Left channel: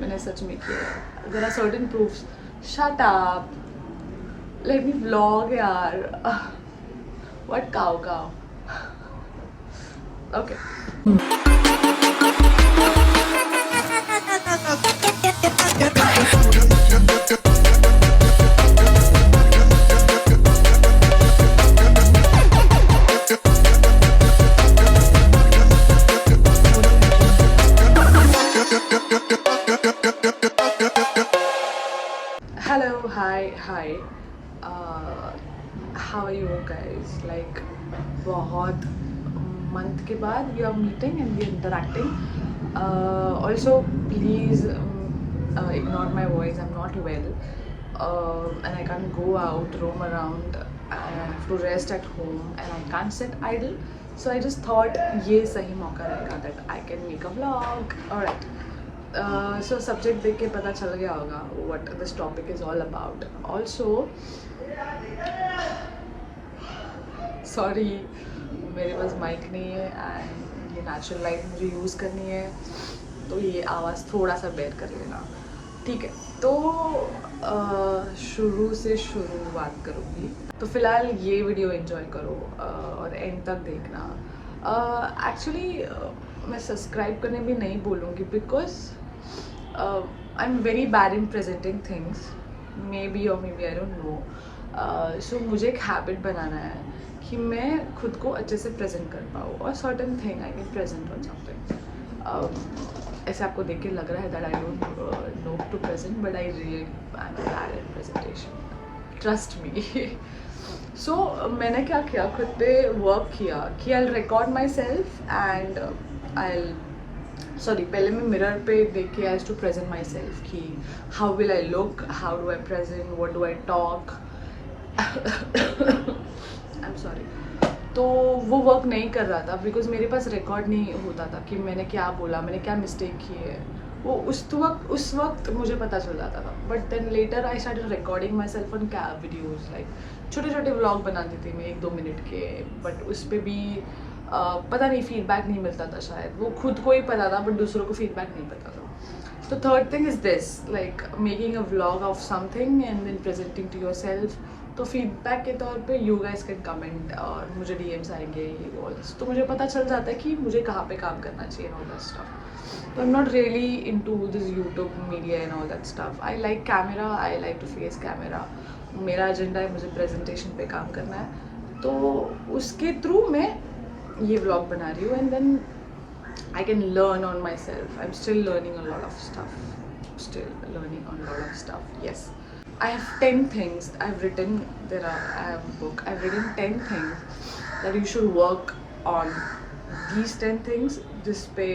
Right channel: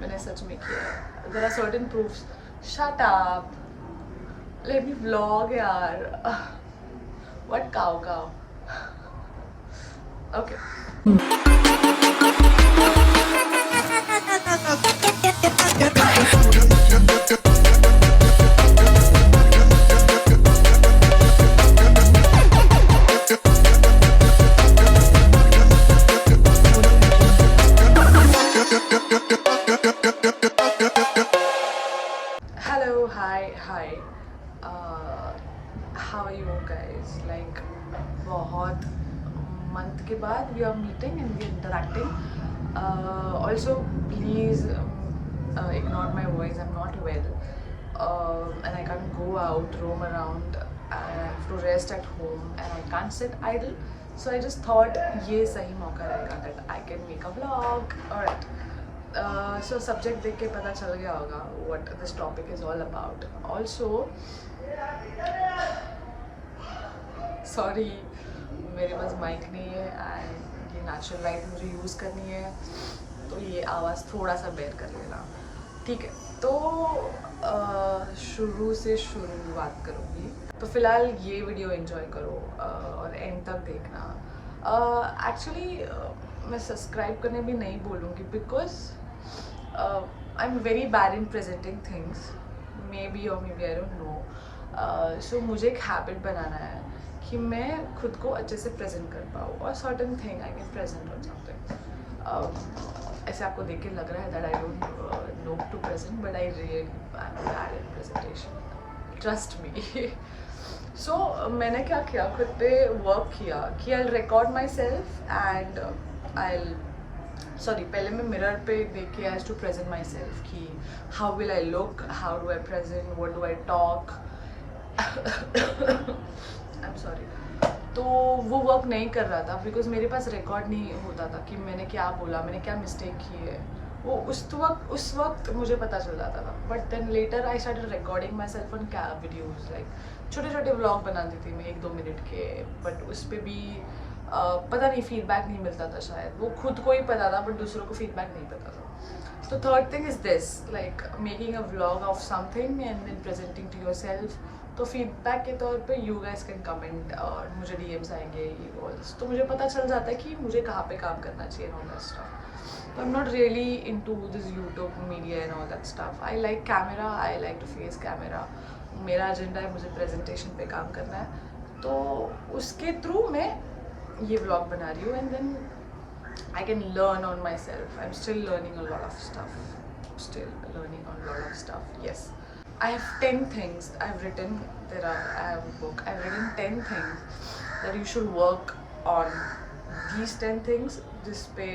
मैंने सच में किया है. There are certain proofs. Shut up. Let me vlog यार. What cow? Okay. Hello, hi. How are you guys? Like, बहुत month के बाद we are meeting and we are interacting. Also, please ignore my voice. I'm not well, and I can't go out, roam around. I have to rest at home, and I can't sit idle. So I just thought ये सही मौका रहेगा that I can make a vlog. Alright. So subject देख के पता चल गया होगा what this topic is all about. Also, sorry, मेरे पास माइक नहीं है and ये नेचुरल लाइट मुझे यूज़ करनी है, तो ये आवाज़ थोड़ा सा बेयर कर लेना, ठीक है. तो शुरू से शुरुआत करूँगी. तो फ़िलहाल ये वीडियो एंजॉय करो और एंड तक देखना. एक्चुअली मैं सब्सक्राइब करने भी नहीं बोलूँगी because I am very bad in presenting things, maybe I don't know. So मुझे एक हैबिट बनाना है कि मैं खुद को अच्छे से प्रेजेंट कर पाऊँ और certain thing I can present on something. ऐसे आपको देख के लग रहा है that I don't know to present, but I really I am bad in presentation, trust me. So मैंने क्या किया, खुद पे वर्क किया कि I record myself and पहले मैं मिरर पे देख के I to present myself कि how will I look, how do I present, what do I talk. I am sorry. तो वो वर्क नहीं कर रहा था बिकॉज मेरे पास रिकॉर्ड नहीं होता था कि मैंने क्या बोला, मैंने क्या मिस्टेक की है. वो उस वक्त मुझे पता चल जाता था. But then later I started recording my self on cab videos. Like छोटे व्लॉग बनाती थी मैं 1-2 मिनट के, बट उस पर भी पता नहीं फीडबैक नहीं मिलता था शायद. वो खुद को ही पता था बट दूसरों को फीडबैक नहीं पता था. तो third thing is this, like making a vlog of something and then presenting to your self. तो फीडबैक के तौर पे यू गाइस कैन कमेंट और मुझे डीएम्स आएंगे ऑल दिस, तो मुझे पता चल जाता है कि मुझे कहाँ पे काम करना चाहिए एंड ऑल दैट स्टफ. तो I am not really into this YouTube media and all that stuff. I like camera, I like to face camera. मेरा एजेंडा है मुझे प्रेजेंटेशन पे काम करना है, तो उसके थ्रू मैं ये व्लॉग बना रही हूँ. And then I can learn on my self. I am still learning a lot of stuff. Yes. I have 10 things I've written. I have a book. I've written 10 things that you should work on. These 10 things, जिस पे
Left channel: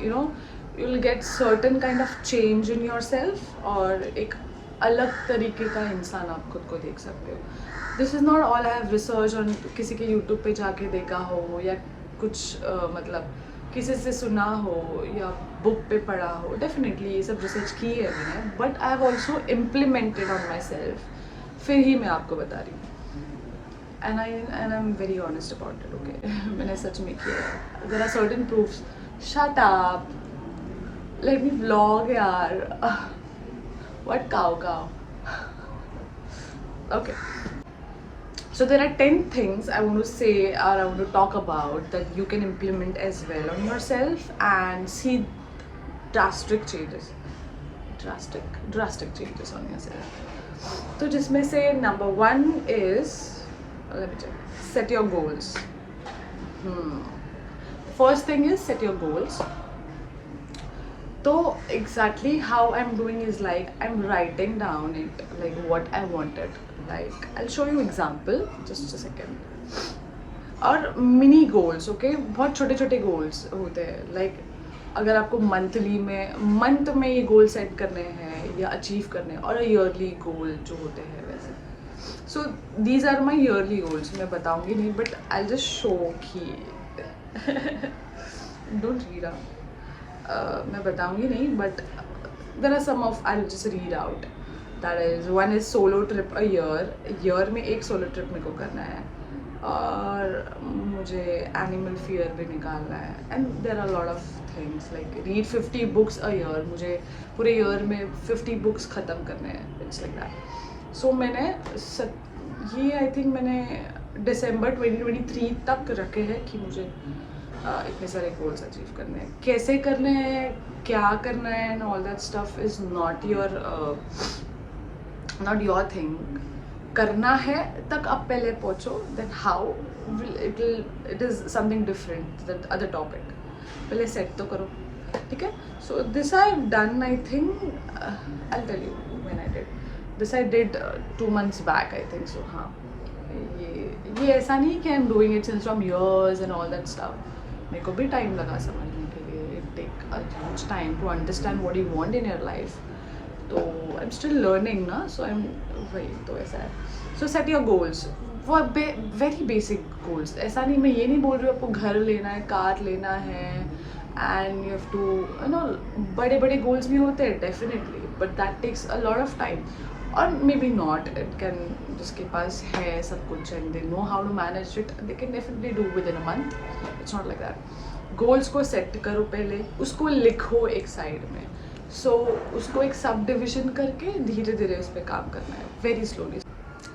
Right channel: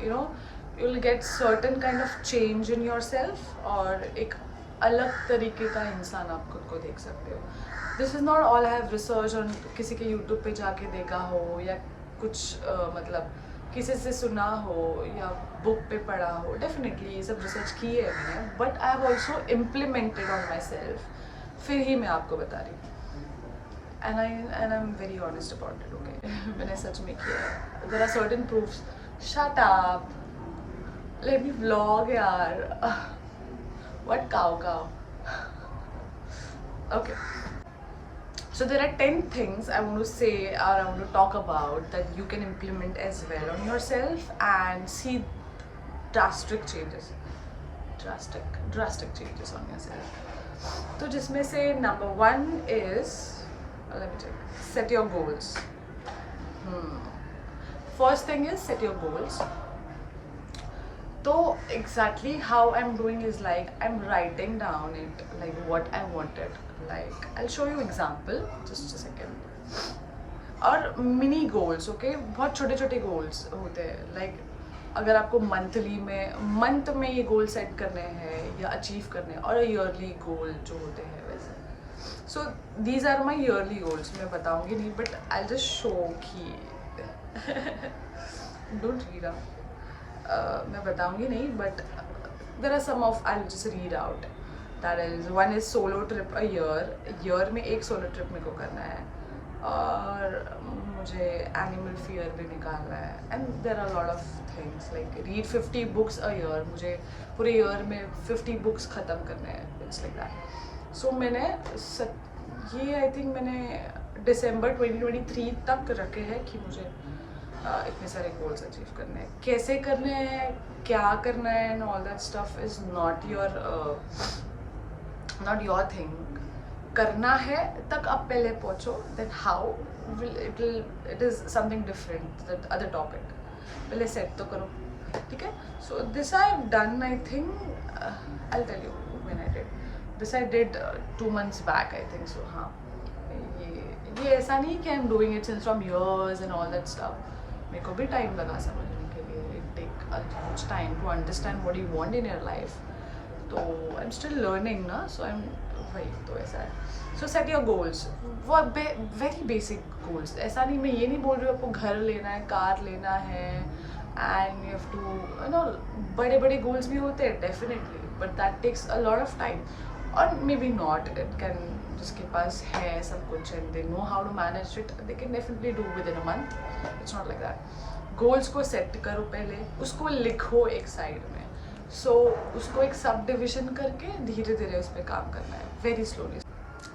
you'll get certain kind of change in yourself और एक अलग तरीके का इंसान आप खुद को देख सकते हो. This is not all I have researched on किसी के YouTube पे जाके देखा हो या कुछ मतलब किसी से सुना हो या बुक पे पढ़ा हो. डेफिनेटली ये सब रिसर्च की है मैंने, but I have also implemented on my self. फिर ही मैं आपको बता रही हूँ. And I am very honest about it. Okay, मैंने सच में किया है. There are certain proofs. Shut up, let me vlog यार. What cow. Okay. So there are 10 things I want to say or I want to talk about that you can implement as well on yourself and see drastic changes on yourself. तो जिसमें से number 1 is, let me check, set your goals. First thing is set your goals. So exactly how I'm doing is like I'm writing down it, like what I wanted. Like I'll show you example, just a second. और mini goals, okay, बहुत छोटे छोटे goals होते हैं. Like अगर आपको month में ये गोल सेट करने हैं या अचीव करने हैं, और ईयरली गोल जो होते हैं वैसे. So these are my yearly goals. मैं बताऊँगी नहीं, बट आई जस्ट शो कि डोंट रीड आउट. मैं बताऊँगी नहीं, but there are some of, I just read out. That is 1 is solo trip a year में एक सोलो ट्रिप मेरे को करना है. और मुझे एनिमल फियर भी निकालना है, and there are lot of things like read 50 books a year, मुझे पूरे ईयर में 50 बुक्स ख़त्म करने हैं, इट्स लाइक दैट। सो मैंने ये आई थिंक मैंने दिसंबर 2023 तक रखे हैं कि मुझे इतने सारे गोल्स अचीव करने हैं। कैसे करने हैं, क्या करना है, and all that stuff is not your thing. करना है तक आप पहले पहुँचो, then how it is something different that other topic. पहले सेट तो करो, ठीक है। So this I have done, I think I tell you when I did this. I did 2 months back I think so. हाँ, ये ऐसा नहीं कि I am doing it since from years and all that stuff. मेरे को भी time लगा समझने के लिए। It take a huge time to understand what you want in your life. तो आई एम स्टिल लर्निंग ना, सो आई एम वही, तो ऐसा है। सो सेट योर गोल्स, वो वेरी बेसिक गोल्स। ऐसा नहीं, मैं ये नहीं बोल रही हूँ आपको घर लेना है, कार लेना है, and you have to you know, बड़े बड़े गोल्स भी होते हैं definitely, but that takes a lot of time. और maybe not, it can, जिसके पास है सब कुछ and they know how to manage it, they can definitely do within a month. It's not like that. Goals को set करो पहले, उसको लिखो एक साइड में। सो उसको एक सब डिविजन करके धीरे धीरे उस पर काम करना है, वेरी स्लोली।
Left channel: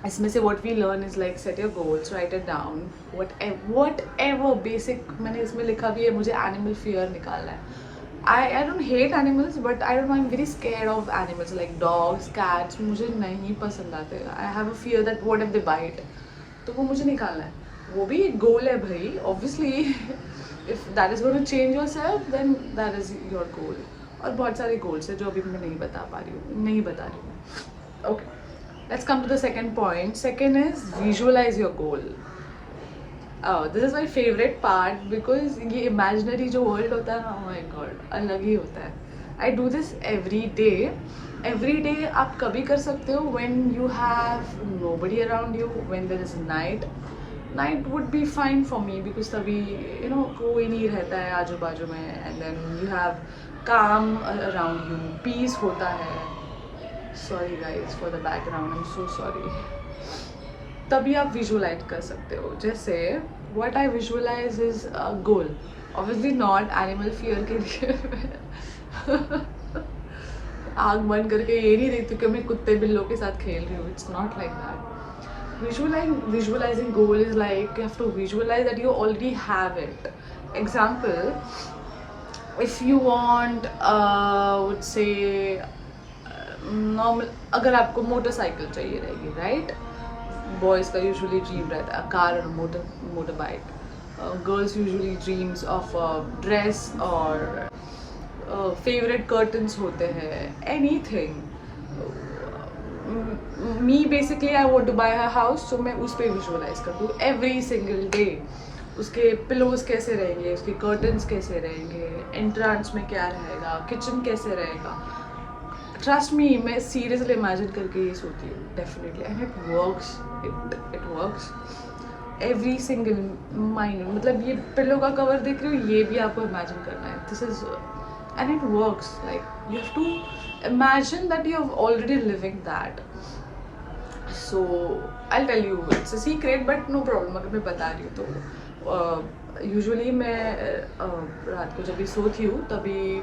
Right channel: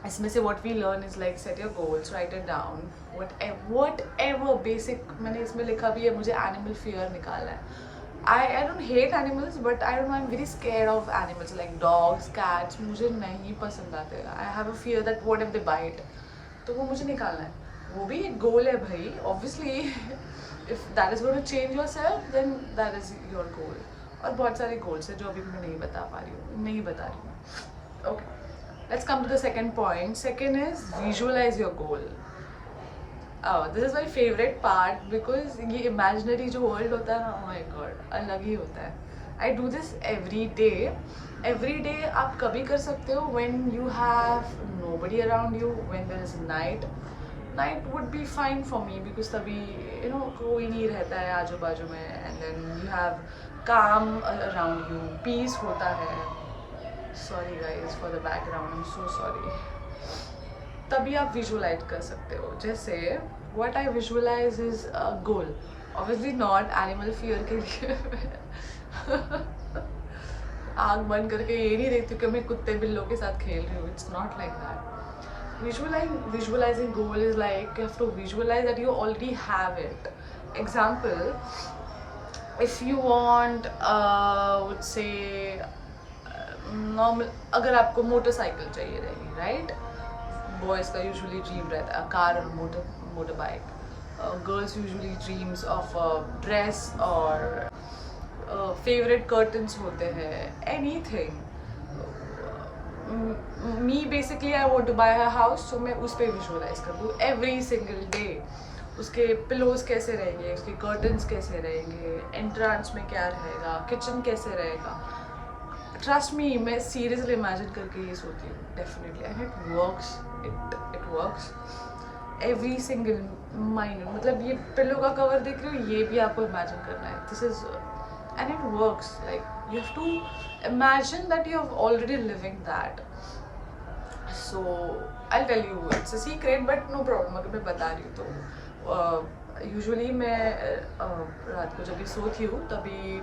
इसमें से what we learn is like set your goals, write it down, whatever basic. मैंने इसमें लिखा भी है, मुझे एनिमल फियर निकालना है। I don't hate animals, but I don't know, I'm very scared of animals like dogs, cats. मुझे नहीं पसंद आते। I have a fear that what if they bite, तो वो मुझे निकालना है। वो भी एक गोल है भाई, obviously if that is going to change yourself then that is your goal। और बहुत सारे गोल्स है जो अभी मैं नहीं बता रही हूँ। Okay, let's come to the second point। Second is visualize your goal। This is my favourite part, because ये इमेजिनरी जो वर्ल्ड होता है ना, माई गॉड, अलग ही होता है। I do this every day. आप कभी कर सकते हो when you have nobody around you, when there is night would be fine for me, because तभी यू नो कोई नहीं रहता है आजू बाजू में, and then you have calm around you, peace होता है। Sorry guys for the background, I am so sorry. तभी आप विजुअलाइज कर सकते हो। जैसे what I visualize is a goal, obviously not animal fear के लिए आग बंद करके ये नहीं देखती कि मैं कुत्ते बिल्लों के साथ खेल रही हूँ। It's not like that. Visualizing goal is like you have to visualize that you already have it. Example, if you want would say normal, अगर आपको मोटरसाइकिल चाहिए रहेगी, राइट, बॉयज़ का यूजुअली ड्रीम रहता है कार और motorbike. Girls usually dreams of dress और favourite curtains होते हैं, anything. Me basically I want to buy a house, so मैं उस पर विजुअलाइज कर दूँ एवरी सिंगल डे। उसके पिलोज कैसे रहेंगे, उसके कर्टन्स कैसे रहेंगे, एंट्रांस में क्या रहेगा, किचन कैसे रहेगा। ट्रस्ट मी, मैं सीरियसली इमेजिन करके ये सोती हूँ definitely, and it works every single minute. मतलब ये पिलो का कवर देख रहे हो, ये भी आपको इमेजिन करना है। This is and it works, like you have to imagine that you have already living that. So I tell you, it's a secret, but no problem, अगर मैं बता रही हूँ तो यूजुअली मैं रात को जब भी सोती हूँ तभी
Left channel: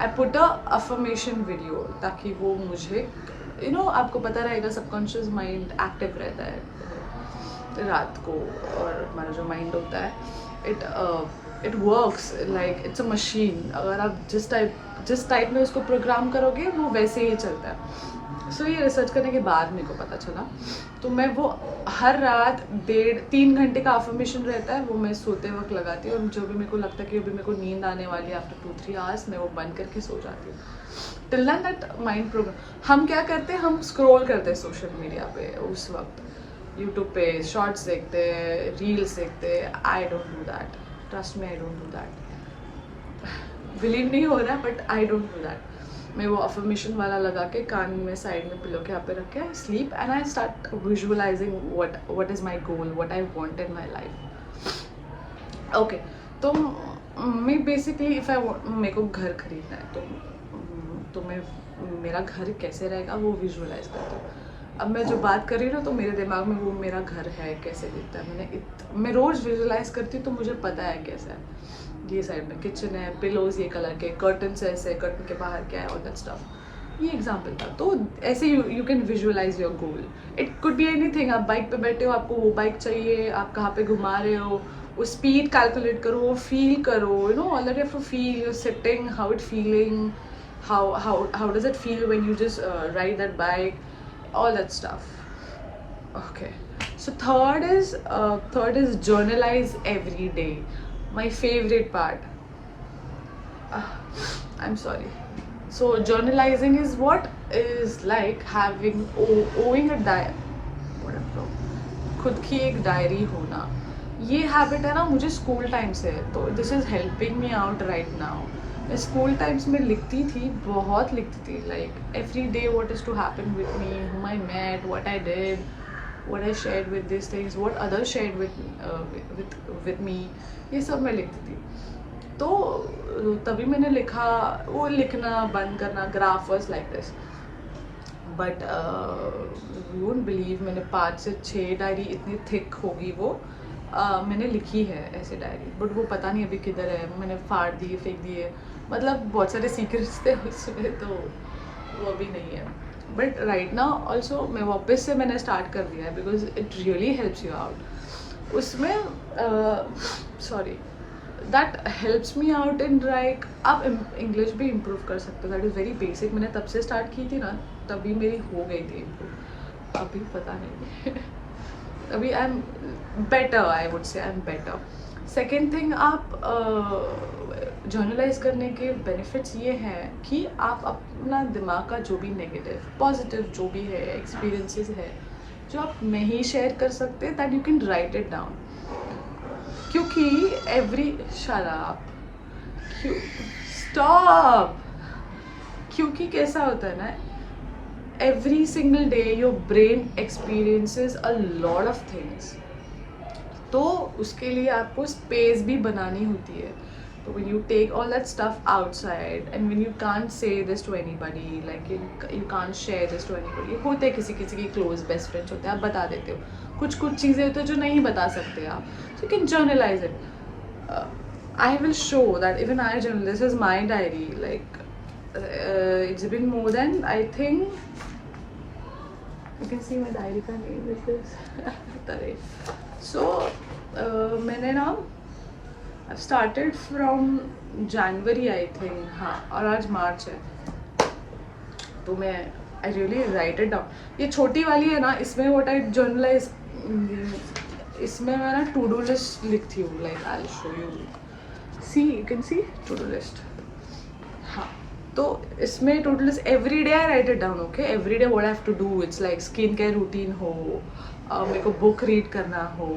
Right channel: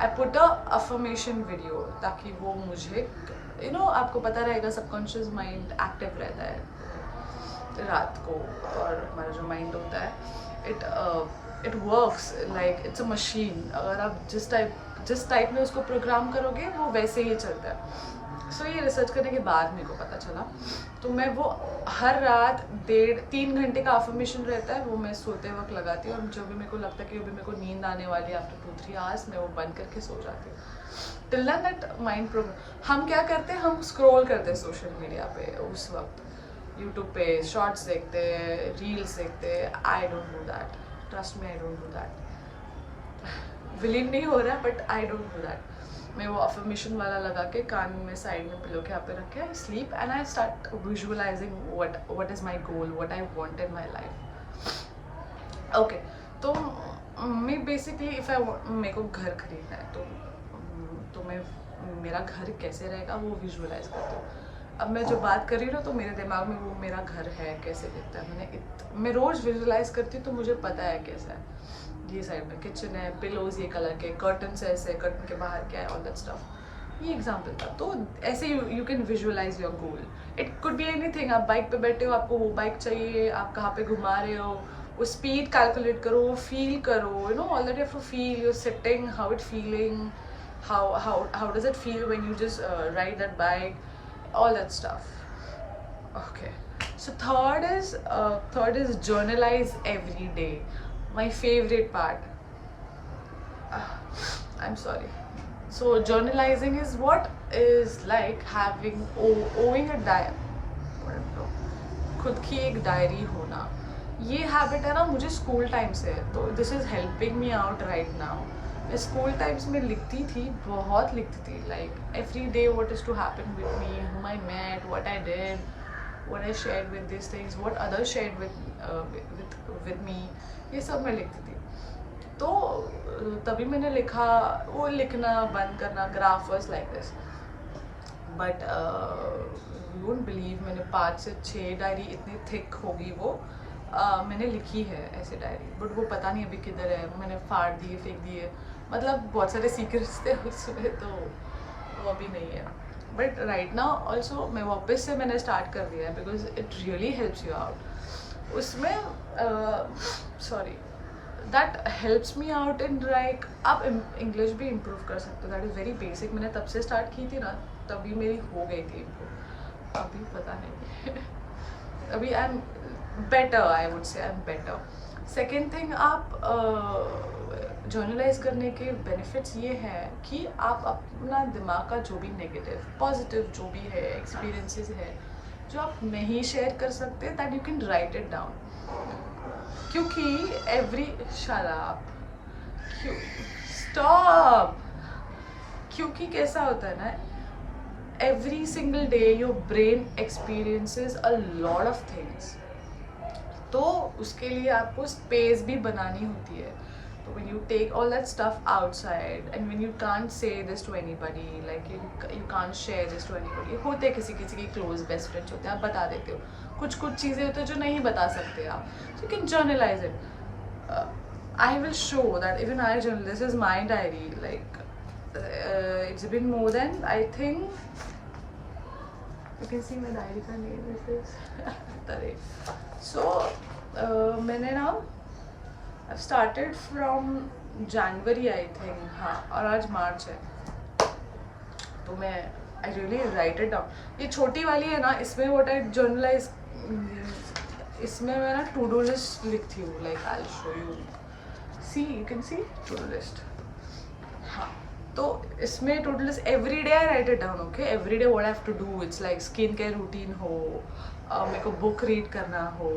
I put a affirmation video, ताकि वो मुझे यू नो, आपको पता रहेगा सबकॉन्शियस माइंड एक्टिव रहता है रात को, और हमारा जो माइंड होता है it works like it's a machine. अगर आप जिस टाइप में उसको प्रोग्राम करोगे वो वैसे ही चलता है। सो ये रिसर्च करने के बाद मेरे को पता चला, तो मैं वो हर रात 1.5-3 घंटे का अफर्मेशन रहता है, वो मैं सोते वक्त लगाती हूँ। और जो भी मेरे को लगता है कि अभी मेरे को नींद आने वाली है आफ्टर 2-3 आवर्स, मैं वो बंद करके सो जाती हूँ। Till that mind program. हम क्या करते हैं, हम स्क्रॉल करते हैं सोशल मीडिया पे, उस वक्त यूट्यूब पे शॉर्ट्स देखते हैं, रील्स देखते हैं। I don't do that, trust me, I don't do that. Believe नहीं हो रहा, but I don't do that. मैं वो अफर्मेशन वाला लगा के कान में साइड में पिलो के यहाँ पे रख के I sleep, and I start visualising what is my goal, what I want in my life. Okay, तो मैं बेसिकली इफ़ आई मेरे को घर खरीदना है तो मैं मेरा घर कैसे रहेगा वो विजुअलाइज करती हूँ। अब मैं जो बात कर रही हूँ ना तो मेरे दिमाग में वो मेरा घर है कैसे दिखता है, मैं रोज़ विजुलाइज करती हूँ तो मुझे पता है कैसा है। ये साइड में किचन है, पिलोज ये कलर के, कर्टन्स ऐसे, कर्टन के बाहर क्या है, ऑल दैट स्टफ। ये एग्जाम्पल था। तो ऐसे you can visualize your goal. It could be anything. आप बाइक पे बैठे हो, आपको वो बाइक चाहिए, आप कहाँ पे घुमा रहे हो, वो स्पीड कैलकुलेट करो, फील करो, you know all that you have to feel, you're sitting, how it feeling, how does it feel when you just ride that bike, all that stuff. Okay, so third is journalize every day. My favorite part. I'm sorry. So journalizing is what is like having owing a खुद की एक diary होना। ये habit है ना मुझे school time से है, तो this is helping me out right now. मैं स्कूल टाइम्स में लिखती थी, बहुत लिखती थी, like every day what is to happen with me, whom I met, what I did, what I shared with these things, what others shared with me, ये सब मैं लिखती थी। तो तभी मैंने लिखा, वो लिखना बंद करना, graph was like this. But you won't believe, मैंने 5 से 6 डायरी, इतनी थिक होगी वो, मैंने लिखी है ऐसे डायरी, बट वो पता नहीं अभी किधर है, मैंने फाड़ दिए, फेंक दिए, मतलब बहुत सारे सीक्रेट्स थे उसमें, तो वो अभी नहीं है। बट राइट नाउ ऑल्सो मैं वापस से मैंने स्टार्ट कर दिया है, because it really helps you out. उसमें sorry that helps me out in like, आप इंग्लिश भी इम्प्रूव कर सकते हो, दैट इज़ वेरी बेसिक। मैंने तब से स्टार्ट की थी ना, तभी मेरी हो गई थी इम्प्रूव, अभी पता नहीं अभी I am better, I would say I am better. Second thing, आप जर्नलाइज करने के बेनिफिट्स ये हैं कि आप अपना दिमाग का जो भी नेगेटिव पॉजिटिव जो भी है एक्सपीरियंसेस है जो आप नहीं शेयर कर सकते, that you can write it down. क्योंकि एवरी शराब क्यों स्टॉप, क्योंकि कैसा होता है ना, every single day your brain experiences a lot of things, तो उसके लिए आपको स्पेस भी बनानी होती है। तो when you take all that stuff outside and when you can't say this to anybody, like you can't share this to anybody, होते किसी किसी की close best friends होते हैं, आप बता देते हो, कुछ चीज़ें होती है जो नहीं बता सकते आप, so you can journalize it. I will show that even I journal, this is my diary, like it's been more than, I think you can see my diary का name is this Tare. So मैंने ना I've started from January I think, हाँ, और आज मार्च है, तो मैं I really write it down. ये छोटी वाली है ना, इसमें what I journalize, इसमें मैं ना to do list लिखती हूँ, like I'll show you, see you can see to do list, हाँ। तो इसमें total every day I write it down, okay, every day what I have to do, it's like skin care routine हो, मेरे को book read करना हो,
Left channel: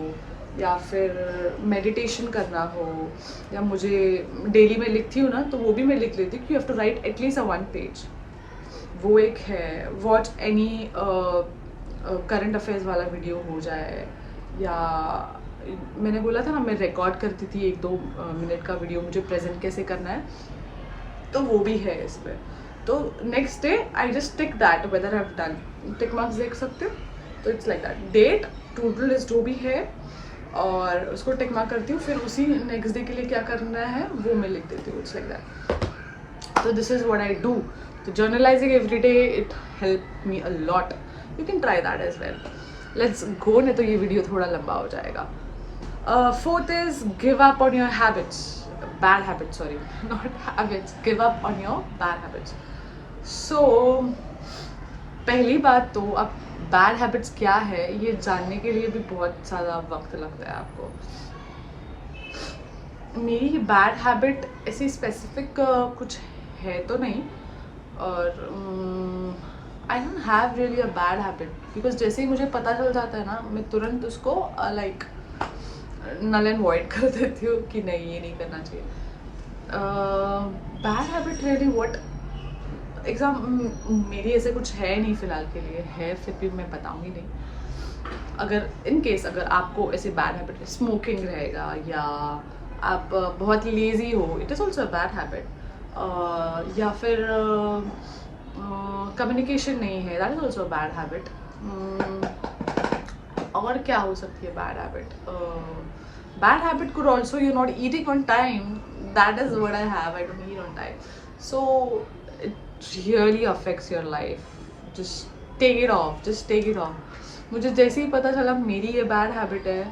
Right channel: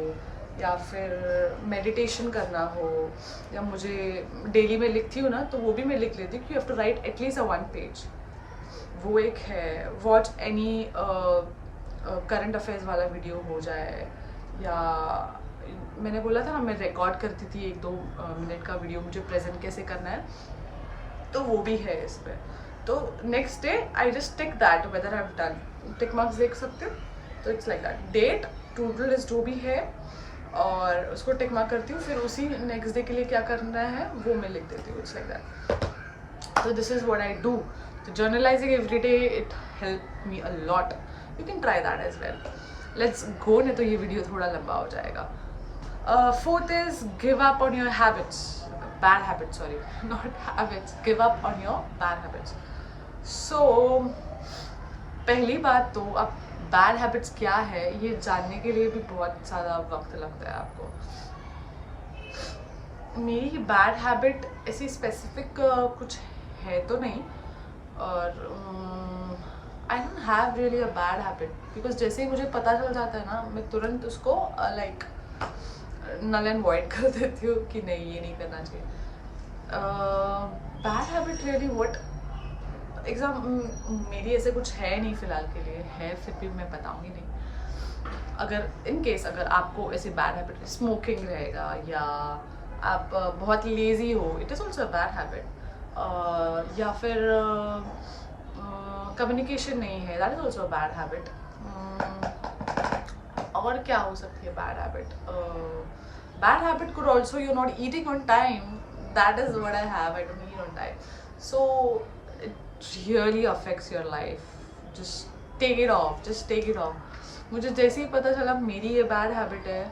या फिर मेडिटेशन करना हो, या मुझे डेली में लिखती हूँ ना, तो वो भी मैं लिख लेती हूँ कि you have to write at least a 1 page. वो एक है, वॉच एनी करंट अफेयर्स वाला वीडियो हो जाए, या मैंने बोला था ना मैं रिकॉर्ड करती थी 1-2 मिनट का वीडियो, मुझे प्रेजेंट कैसे करना है, तो वो भी है इसमें। तो next day I just tick that whether I have done, tick marks देख सकते हो, तो it's like that, date to do list जो भी है, और उसको टिक मार्क करती हूँ, फिर उसी नेक्स्ट डे के लिए क्या करना है वो मैं लिख देती हूँ, इट्स लाइक दैट। तो this is what I do. तो journalising every day, it help me a lot, you can try that as well. Let's go, नहीं तो ये वीडियो थोड़ा लंबा हो जाएगा। Fourth is give up on your habits, bad habits, sorry, not habits, give up on your bad habits. So पहली बात तो अब बैड हैबिट्स क्या है ये जानने के लिए भी बहुत ज़्यादा वक्त लगता है आपको। मेरी बैड हैबिट ऐसी स्पेसिफिक कुछ है तो नहीं, और I don't have really a bad habit, because जैसे ही मुझे पता चल जाता है ना, मैं तुरंत उसको लाइक नल एंड वॉइड कर देती हूँ कि नहीं ये नहीं करना चाहिए। बैड हैबिट रियली व्हाट मेरी ऐसे कुछ है नहीं फिलहाल के लिए, है फिर भी मैं बताऊंगी नहीं। अगर इन केस अगर आपको ऐसे बैड हैबिट, स्मोकिंग रहेगा, या आप बहुत लेजी हो, it is also a bad habit, या फिर कम्युनिकेशन नहीं है, that is also a bad habit, और क्या हो सकती है bad habit? Bad habit could also you're not eating on time. That is what I have. I don't eat on time. So it really affects your life. Just take it off. Just take it off. मुझे जैसे ही पता चला मेरी ये bad habit है,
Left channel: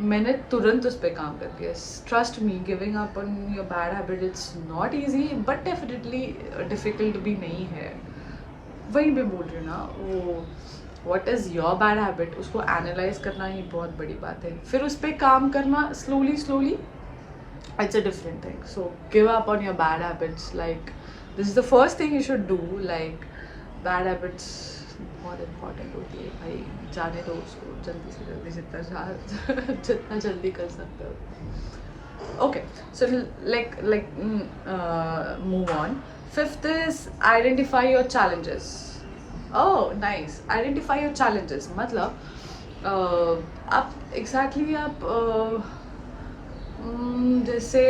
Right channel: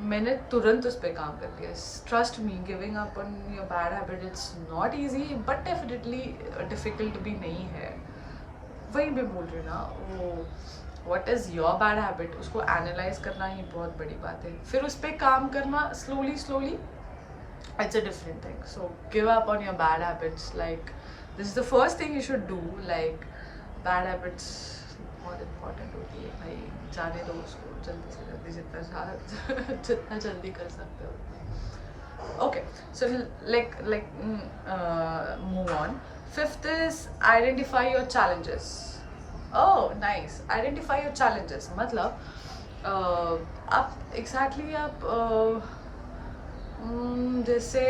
मैंने तुरंत उस पर काम कर दिया. Trust me, giving up on your bad habit it's not easy, but definitely difficult भी नहीं है. वहीं पे बोल रही हूँ ना, वो what is your bad habit, उसको एनालाइज करना ही बहुत बड़ी बात है. फिर उस पर काम करना slowly slowly, it's a different thing. So give up on your bad habits. Like this is the first thing you should do. Like bad habits बहुत important होती है भाई. जाने दो उसको जल्दी से जल्दी, जितना जल्दी कर सकते हो. Okay, so move on. Fifth is identify your challenges. Oh nice, identify your challenges. मतलब आप exactly आप जैसे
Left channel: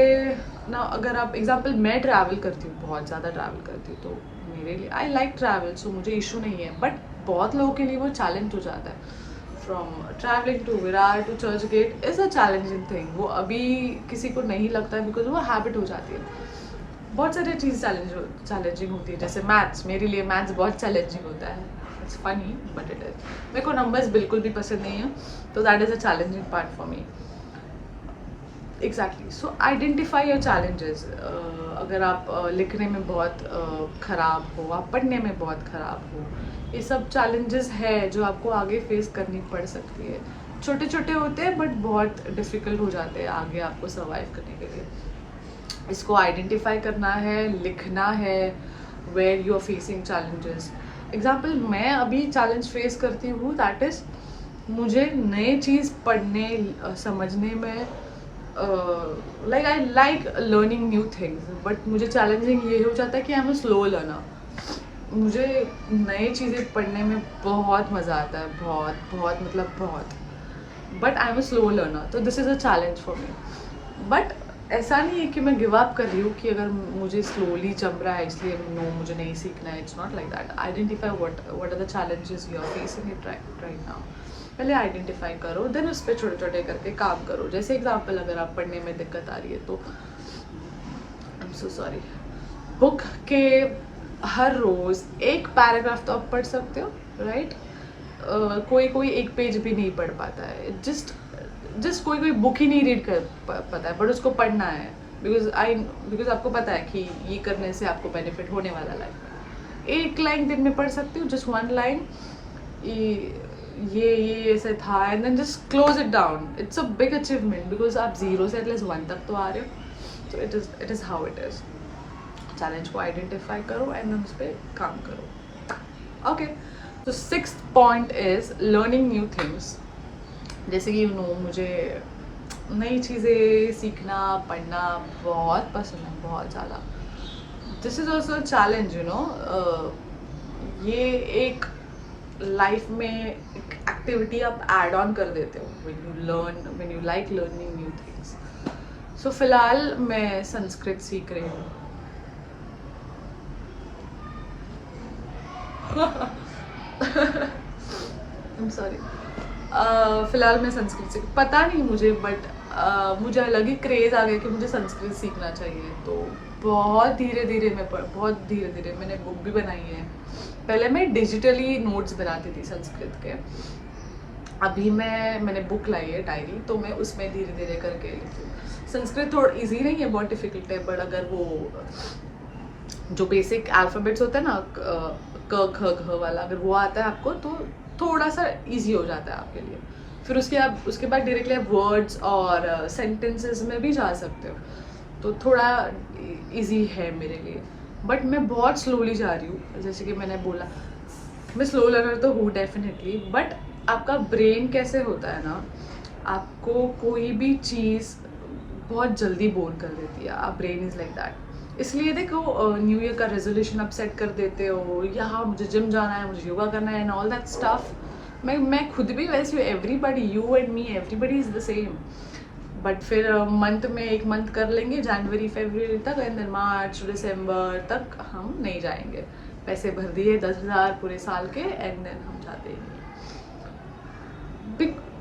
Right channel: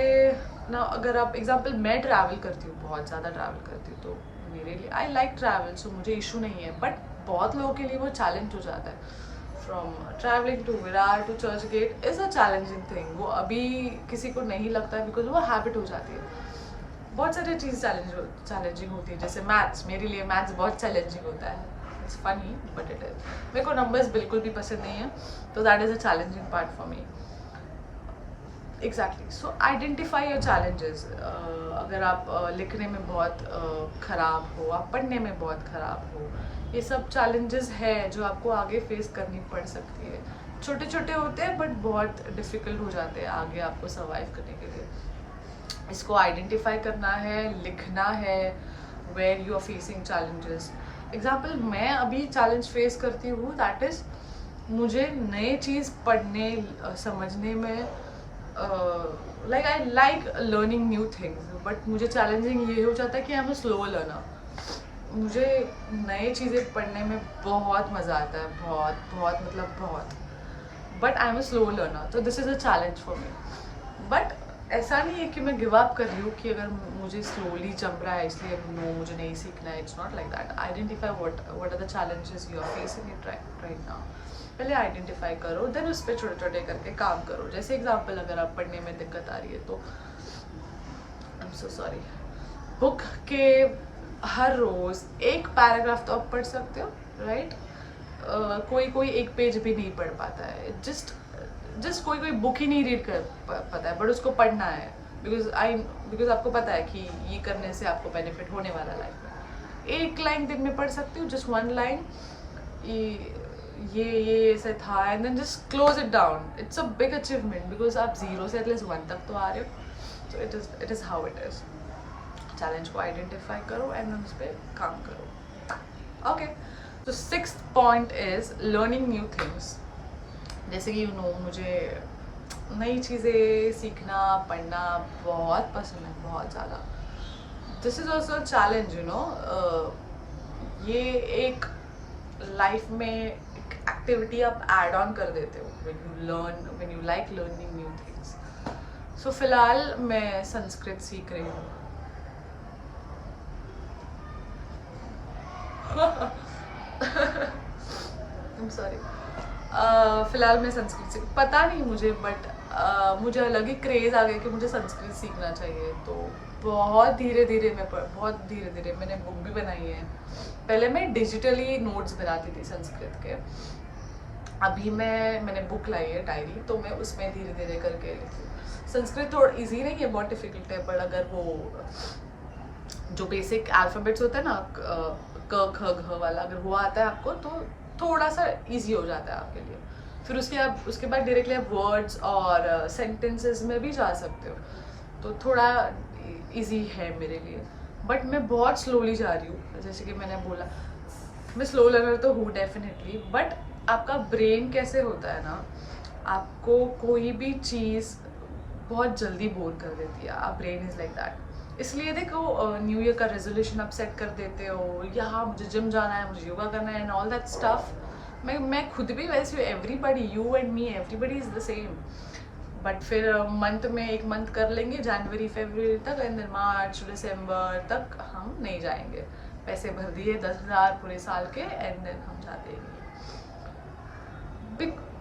ना, अगर आप एग्जांपल, मैं ट्रैवल करती हूँ, बहुत ज़्यादा ट्रैवल करती हूँ, तो मेरे लिए आई लाइक ट्रैवल, सो मुझे इशू नहीं है. बट बहुत लोगों के लिए वो चैलेंज हो जाता है. From travelling to Virar to Churchgate is a challenging thing. वो अभी किसी को नहीं लगता है बिकॉज वो हैबिट हो जाती है. बहुत सारी चीज़ चैलेंजिंग होती है. जैसे मैथ्स, मेरे लिए मैथ्स बहुत चैलेंजिंग होता है. It's funny but it is. मेरे को नंबर्स बिल्कुल भी पसंद नहीं है, तो that is a challenging part for me. Exactly. So identify your challenges. अगर आप लिखने में बहुत ख़राब हो, आप पढ़ने में बहुत ख़राब हो, ये सब चैलेंजेस है जो आपको आगे फेस करनी पड़ सकती है. छोटे छोटे होते हैं बट बहुत डिफ़िकल्ट हो जाते हैं आगे आपको सर्वाइव करने के लिए. इसको आइडेंटिफाई करना है, लिखना है where you are facing challenges. Example, मैं अभी चैलेंज फेस करती हूँ, दैट इज़ मुझे नए चीज़ पढ़ने समझने में, like I like learning new things, but मुझे चैलेंजिंग ये हो जाता है कि I am a slow learner. मुझे नई चीज़ें पढ़ने में बहुत मज़ा आता है, बहुत बहुत मतलब बहुत. But I am a slow learner, तो this is a challenge for me. But ऐसा नहीं है कि मैं गिव अप कर रही हूँ कि अगर मुझे स्लोली जम रहा है इसलिए नो मुझे नहीं सीखना है. It's not like that. Identify what are the challenges you are facing it right now. पहले आइडेंटिफाई करो, देन उस पर छोटे छोटे करके काम करो. जैसे एग्जांपल, अगर आप पढ़ने में दिक्कत आ रही है तो I am so sorry, book के हर रोज़ एक पैराग्राफ तो आप पढ़ सकते हो, राइट? कोई एक पेज भी नहीं पढ़ पाता है. जस्ट कोई बुक ही नहीं रीड कर पाता है, बट उसको पढ़ना है बिकॉज आपको पता है कि ये करने से आपको बेनिफिट होने वाला लाइफ में. एक लाइन दिन में पढ़ सकती हूँ, जस्ट वन लाइन, ये ऐसे था, and then just close it down. It's a big achievement because आप 0 से एटलीस्ट 1 तक तो आ रहे हो. So it is how it is. Challenge को आइडेंटिफाई करो एंड उस पर काम करो. ओके, तो 6th point is learning new things. जैसे कि मुझे नई चीज़ें सीखना, पढ़ना बहुत पसंद है, बहुत ज़्यादा. This is also a challenge, ये एक लाइफ में एक एक्टिविटी आप ऐड ऑन कर देते हो when you like learning new things. So फिलहाल मैं संस्कृत सीख रही हूँ. I'm sorry. फिलहाल मैं संस्कृत सीख, पता नहीं मुझे, बट मुझे अलग ही क्रेज़ आ गया कि मुझे संस्कृत सीखना चाहिए. तो बहुत धीरे धीरे मैंने बुक भी बनाई है. पहले मैं डिजिटली नोट्स बनाती थी संस्कृत के. अभी मैंने बुक लाई है, डायरी, तो मैं उसमें धीरे धीरे करके लिखती हूँ. संस्कृत थोड़ा इजी नहीं है, बहुत डिफ़िकल्ट है, बट अगर वो जो बेसिक अल्फ़ाबेट्स होते हैं ना, क ख घ वाला, अगर वो आता है आपको तो थोड़ा सा इजी हो जाता है आपके लिए. फिर उसके बाद डायरेक्टली आप वर्ड्स और सेंटेंसेस में भी जा सकते हो, तो थोड़ा इजी है मेरे लिए. बट मैं बहुत स्लोली जा रही हूँ. जैसे कि मैंने बोला, मैं स्लो लर्नर तो हूँ डेफिनेटली, बट आपका ब्रेन कैसे होता है ना, आपको कोई भी चीज़ बहुत जल्दी बोर कर देती है. आप ब्रेन इज़ लाइक दैट. इसलिए देखो, न्यू ईयर का रेजोल्यूशन आप सेट कर देते हो, यहाँ मुझे जिम जाना है, मुझे योगा करना है एंड ऑल दैट स्टफ. मैं खुद भी वैसे हूँ. Everybody, you and me, everybody is the same. But फिर मंथ में एक मंथ कर लेंगे, जनवरी फरवरी तक, एंड देन मार्च दिसंबर तक हम नहीं जाएंगे. पैसे भर दिए 10,000 पूरे साल के एंड देन हम जाते ही नहीं।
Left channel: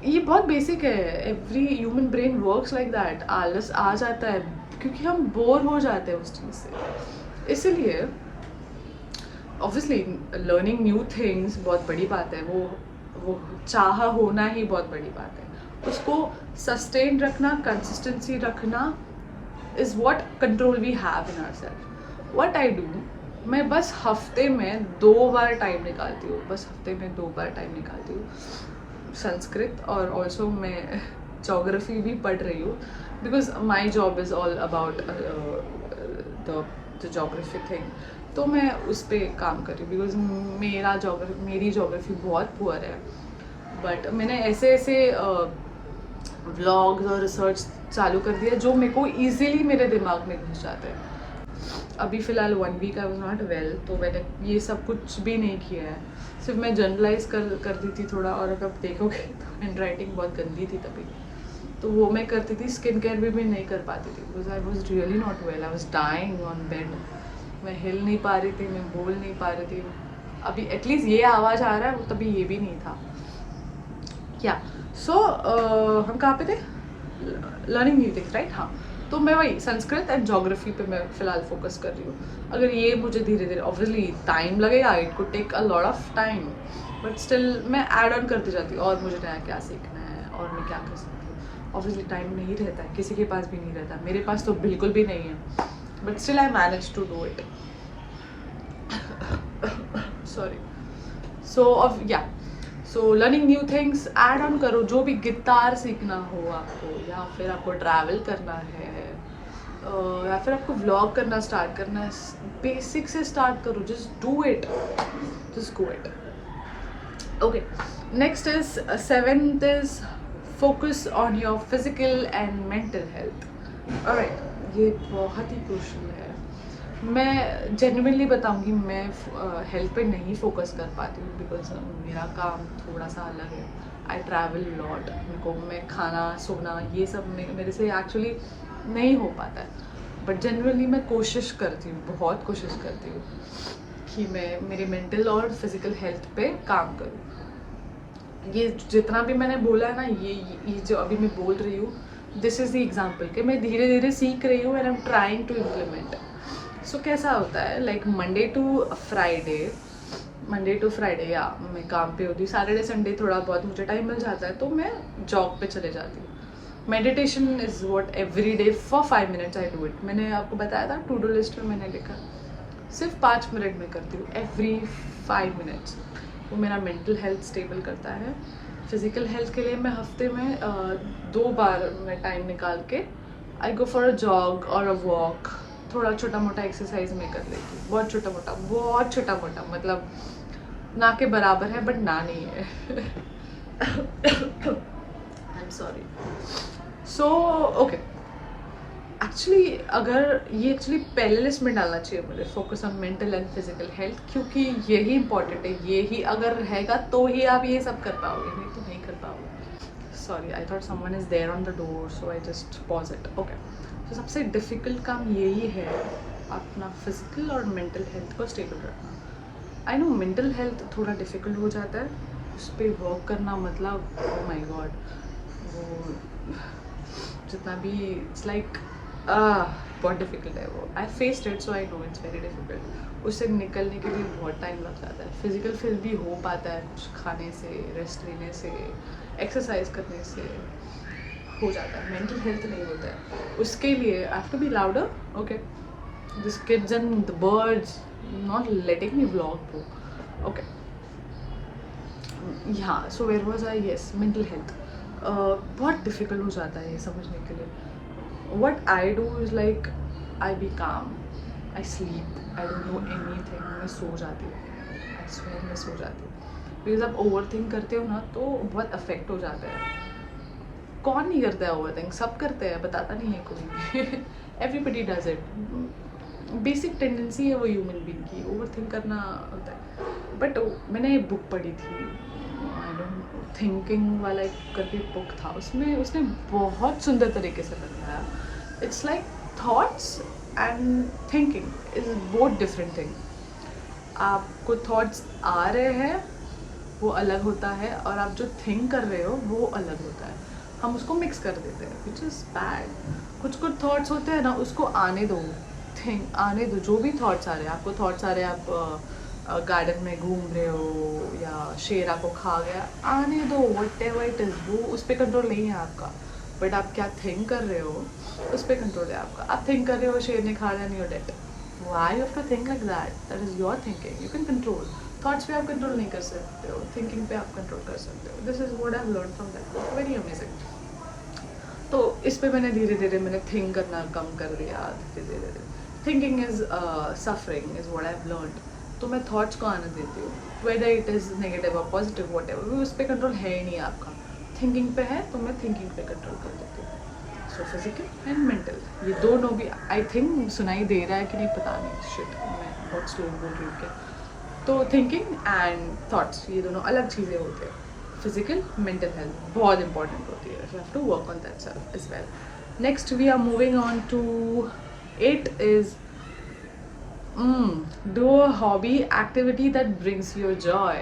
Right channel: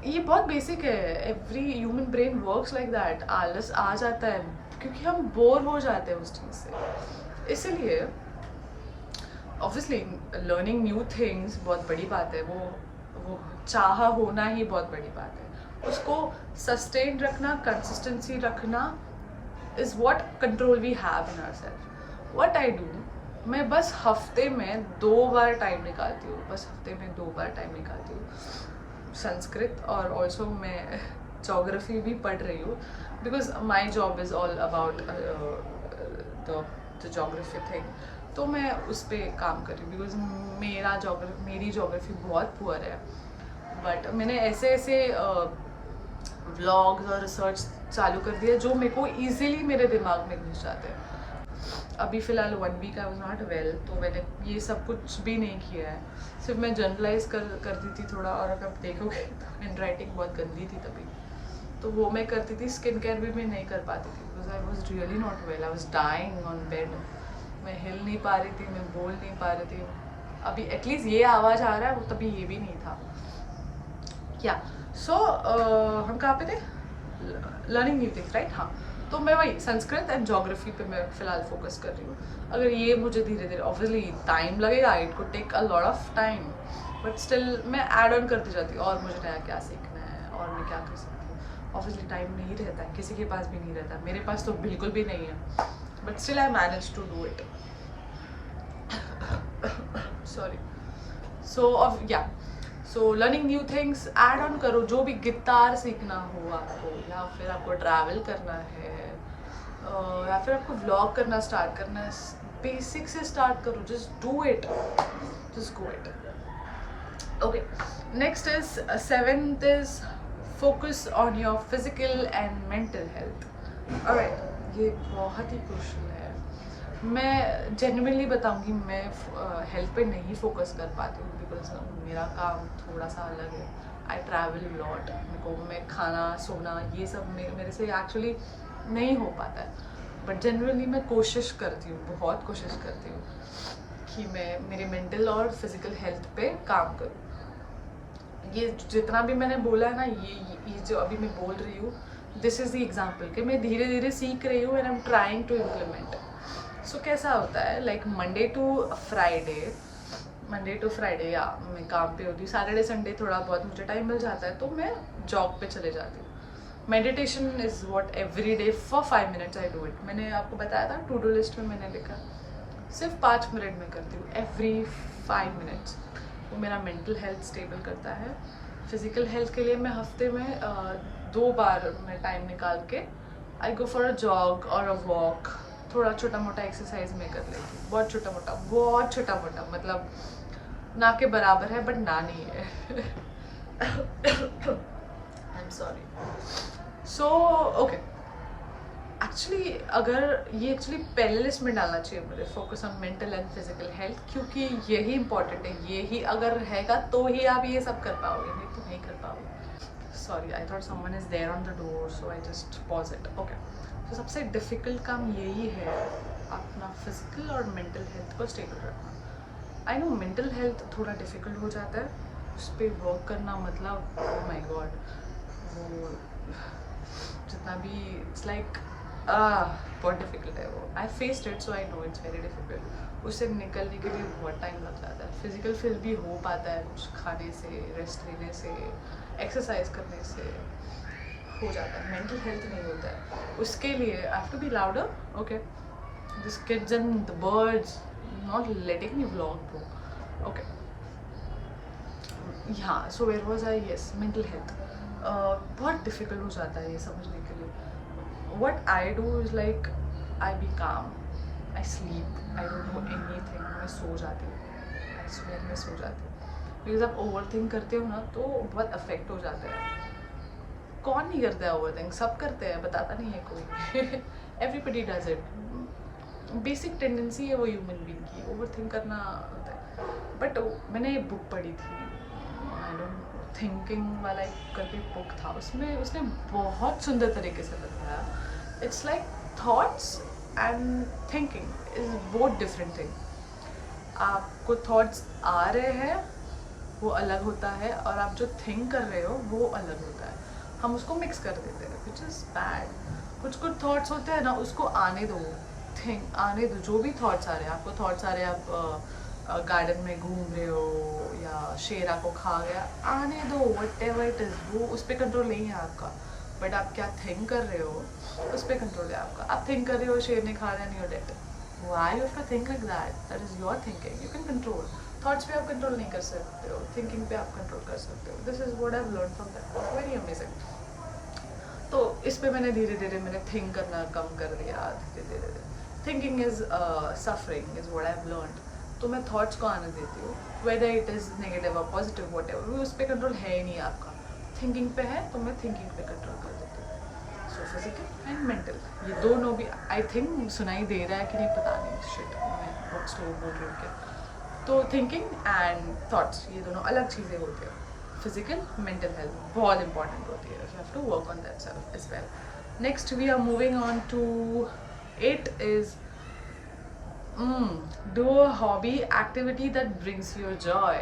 ये बहुत बेसिक है, every human brain works like that. आलस आ जाता है क्योंकि हम बोर हो जाते हैं उस चीज़ से। इसलिए ऑब्वियसली लर्निंग न्यू थिंग्स बहुत बड़ी बात है, वो चाह होना ही बहुत बड़ी बात है। उसको सस्टेन रखना, कंसिस्टेंसी रखना is what control we have in ourselves. What I do, मैं बस हफ्ते में 2 बार टाइम निकालती हूँ, बस हफ्ते में 2 बार टाइम निकालती हूँ। संस्कृत और ऑल्सो मैं जोग्राफी भी पढ़ रही हूँ because my job is all about the geography thing. तो मैं उस पर काम कर रही हूँ बिकॉज मेरी जोग्राफी बहुत पुअर है। बट मैंने ऐसे व्लॉग्स और रिसर्च चालू कर दिया जो मेरे को ईजिली मेरे दिमाग में घुस जाते हैं। अभी फ़िलहाल 1 week I was not well, तो मैंने ये सब कुछ भी नहीं किया है, सिर्फ मैं जर्नलाइज कर दी थी थोड़ा। और अगर देखोगे तो हैंड राइटिंग बहुत गंदी थी तभी, तो वो मैं करती थी। स्किन केयर भी मैं नहीं कर पाती थी because I was really not well, I was dying on bed. मैं हिल नहीं पा रही थी, मैं बोल नहीं पा रही थी। अभी एटलीस्ट ये आवाज़ आ रहा है, वो तभी ये भी नहीं था। क्या सो हम कहाँ पे थे? Learning new things, right? हाँ, तो मैं वही संस्कृत एंड जोग्राफी पे मैं फ़िलहाल फोकस कर रही हूँ। अगर ये मुझे धीरे धीरे, ऑब्वियसली टाइम लगेगा, it could take a lot of time, but still मैं ऐड ऑन करती जाती हूँ और मुझे नया क्या सीखना है और मैं क्या कर सकती हूँ। ऑब्वियसली टाइम नहीं रहता है, किसी के पास भी नहीं रहता, मेरे पास तो बिल्कुल भी नहीं है, but still I manage to do it. Sorry. So learning new things, add on करो। जो भी गिटार सीखना हो आपको, या फिर आपको ट्रैवल करना है, या फिर आपको व्लॉग करना स्टार्ट करना है, बेसिक से स्टार्ट करो। Just do it, just go it. Okay, next is 7th is focus on your physical and mental health. Alright, ये बहुत ही क्रूशियल है। मैं जेन्युइनली बताऊंगी, मैं हेल्थ पे नहीं फोकस कर पाती हूँ बिकॉज मेरा काम थोड़ा सा अलग है। आई ट्रैवल लॉट, मैं खाना सोना ये सब मेरे से एक्चुअली नहीं हो पाता है। बट जेन्युइनली मैं कोशिश करती हूँ, बहुत कोशिश करती हूँ कि मैं मेरे मेंटल और फिजिकल हेल्थ पे काम करूँ। ये जितना भी मैंने बोला है ना, ये जो अभी मैं बोल रही हूँ, दिस इज़ द एग्जाम्पल कि मैं धीरे धीरे सीख रही हूँ and I am trying to implement. So कैसा होता है, लाइक मंडे टू फ्राइडे या मैं काम पे होती हूँ। सैटरडे संडे थोड़ा बहुत मुझे टाइम मिल जाता है तो मैं जॉब पे चले जाती हूँ। Meditation is what every day for 5 minutes I do it. मैंने आपको बताया था टू डू लिस्ट में मैंने लिखा, सिर्फ 5 मिनट में करती हूँ एवरी 5 मिनट्स। वो मेरा मेंटल हेल्थ स्टेबल करता है। फिज़िकल हेल्थ के लिए मैं हफ्ते में 2 बार मैं टाइम निकाल के आई गो फॉर अ जॉग और अ वॉक। थोड़ा छोटा मोटा एक्सरसाइज मैं कर लेती हूँ, बहुत छोटा मोटा, मतलब ना के बराबर है बट ना नहीं है। I am sorry. So okay, actually अगर ये पहले लिस्ट में डालना चाहिए मुझे, focus on mental and physical health, क्योंकि यही इंपॉर्टेंट है। यही अगर रहेगा तो ही आप ये सब कर पाओगे, नहीं तो नहीं कर पाओगे। Sorry, I thought someone is there on the door, so I just pause it. Okay, तो सबसे डिफ़िकल्ट काम यही है, अपना फिजिकल और मेंटल हेल्थ को स्टेबल रखना। आई नो मेंटल हेल्थ थोड़ा डिफ़िकल्ट हो जाता है, उस पर वर्क करना, मतलब ओह माय गॉड, वो जितना भी इट्स लाइक बहुत डिफ़िकल्ट है वो। I faced it, so I know it's very difficult. उससे निकलने के लिए बहुत टाइम लग जाता है। फिजिकल फिल भी हो पाता है कुछ खाने से, रेस्ट लेने से, एक्सरसाइज करने से हो जाता है। मेंटल हेल्थ नहीं होता है। उसके लिए I have to be louder. Okay, this kids and the birds not letting me vlog bro. Okay, हाँ, so where was I? Yes, mental health बहुत डिफ़िकल्ट हो जाता है ये समझने के लिए। What I do is like I be calm, I sleep, I don't know anything, मैं सो जाती हूँ। I swear मैं सो जाती हूँ बिकॉज आप ओवर थिंक करते हो ना तो बहुत अफेक्ट हो जाता है। कौन नहीं करता है ओवर थिंक? सब करते हैं, बताता नहीं है कोई। Everybody does it, basic tendency है वो ह्यूमन बीइंग की, ओवर थिंक करना होता है। बट मैंने एक बुक पढ़ी थी, आई डोंट नो, थिंकिंग वाला एक करके बुक था, उसमें उसने बहुत सुंदर तरीके से बताया। It's like thoughts and thinking is both different thing. आपको थॉट्स आ रहे हैं वो अलग होता है, और आप जो थिंक कर रहे हो वो अलग होता है। हम उसको मिक्स कर देते हैं, विच इज़ बैड। कुछ कुछ थॉट्स होते हैं ना, उसको आने दो, थिंक आने दो। जो भी थॉट्स आ रहे हैं, आपको थॉट्स आ रहे हैं आप गार्डन में घूम रहे हो या शेर आपको खा गया, आने दो, वट एवर इट इज़। वो उस पर कंट्रोल नहीं है आपका, बट आप क्या थिंक कर रहे हो उस पर कंट्रोल है आपका। आप थिंक कर रहे हो शेर ने खा लिया, नहीं, you're dead. Why you have to think like that? That is your thinking, you can control. Thoughts पे आप कंट्रोल नहीं कर सकते हो, थिंकिंग पे आप कंट्रोल कर सकते हो। This is what I have learn from that book, very amazing. तो इस पे मैंने धीरे धीरे मैंने थिंक करना कम कर दिया, धीरे धीरे। Thinking is suffering is what I have learned. तो मैं थॉट्स को आने देती हूँ, वेदर इट इज़ नेगेटिव और पॉजिटिव, वट एवर, उस पर कंट्रोल है ही नहीं आपका। थिंकिंग पे है तो मैं थिंकिंग पे कंट्रोल कर देती हूँ। सो फिजिकल एंड मेंटल, ये दोनों भी आई थिंक सुनाई दे रहा है कि नहीं पता नहीं, शिट मैं बहुत स्लो बोल रही हूँ क्या। तो थिंकिंग एंड थॉट्स ये दोनों अलग चीज़ें होती है। फिजिकल मेंटल हेल्थ बहुत इंपॉर्टेंट होती है, you have to work on that self as well. Next we are moving on to 8 is do a hobby activity that brings you joy.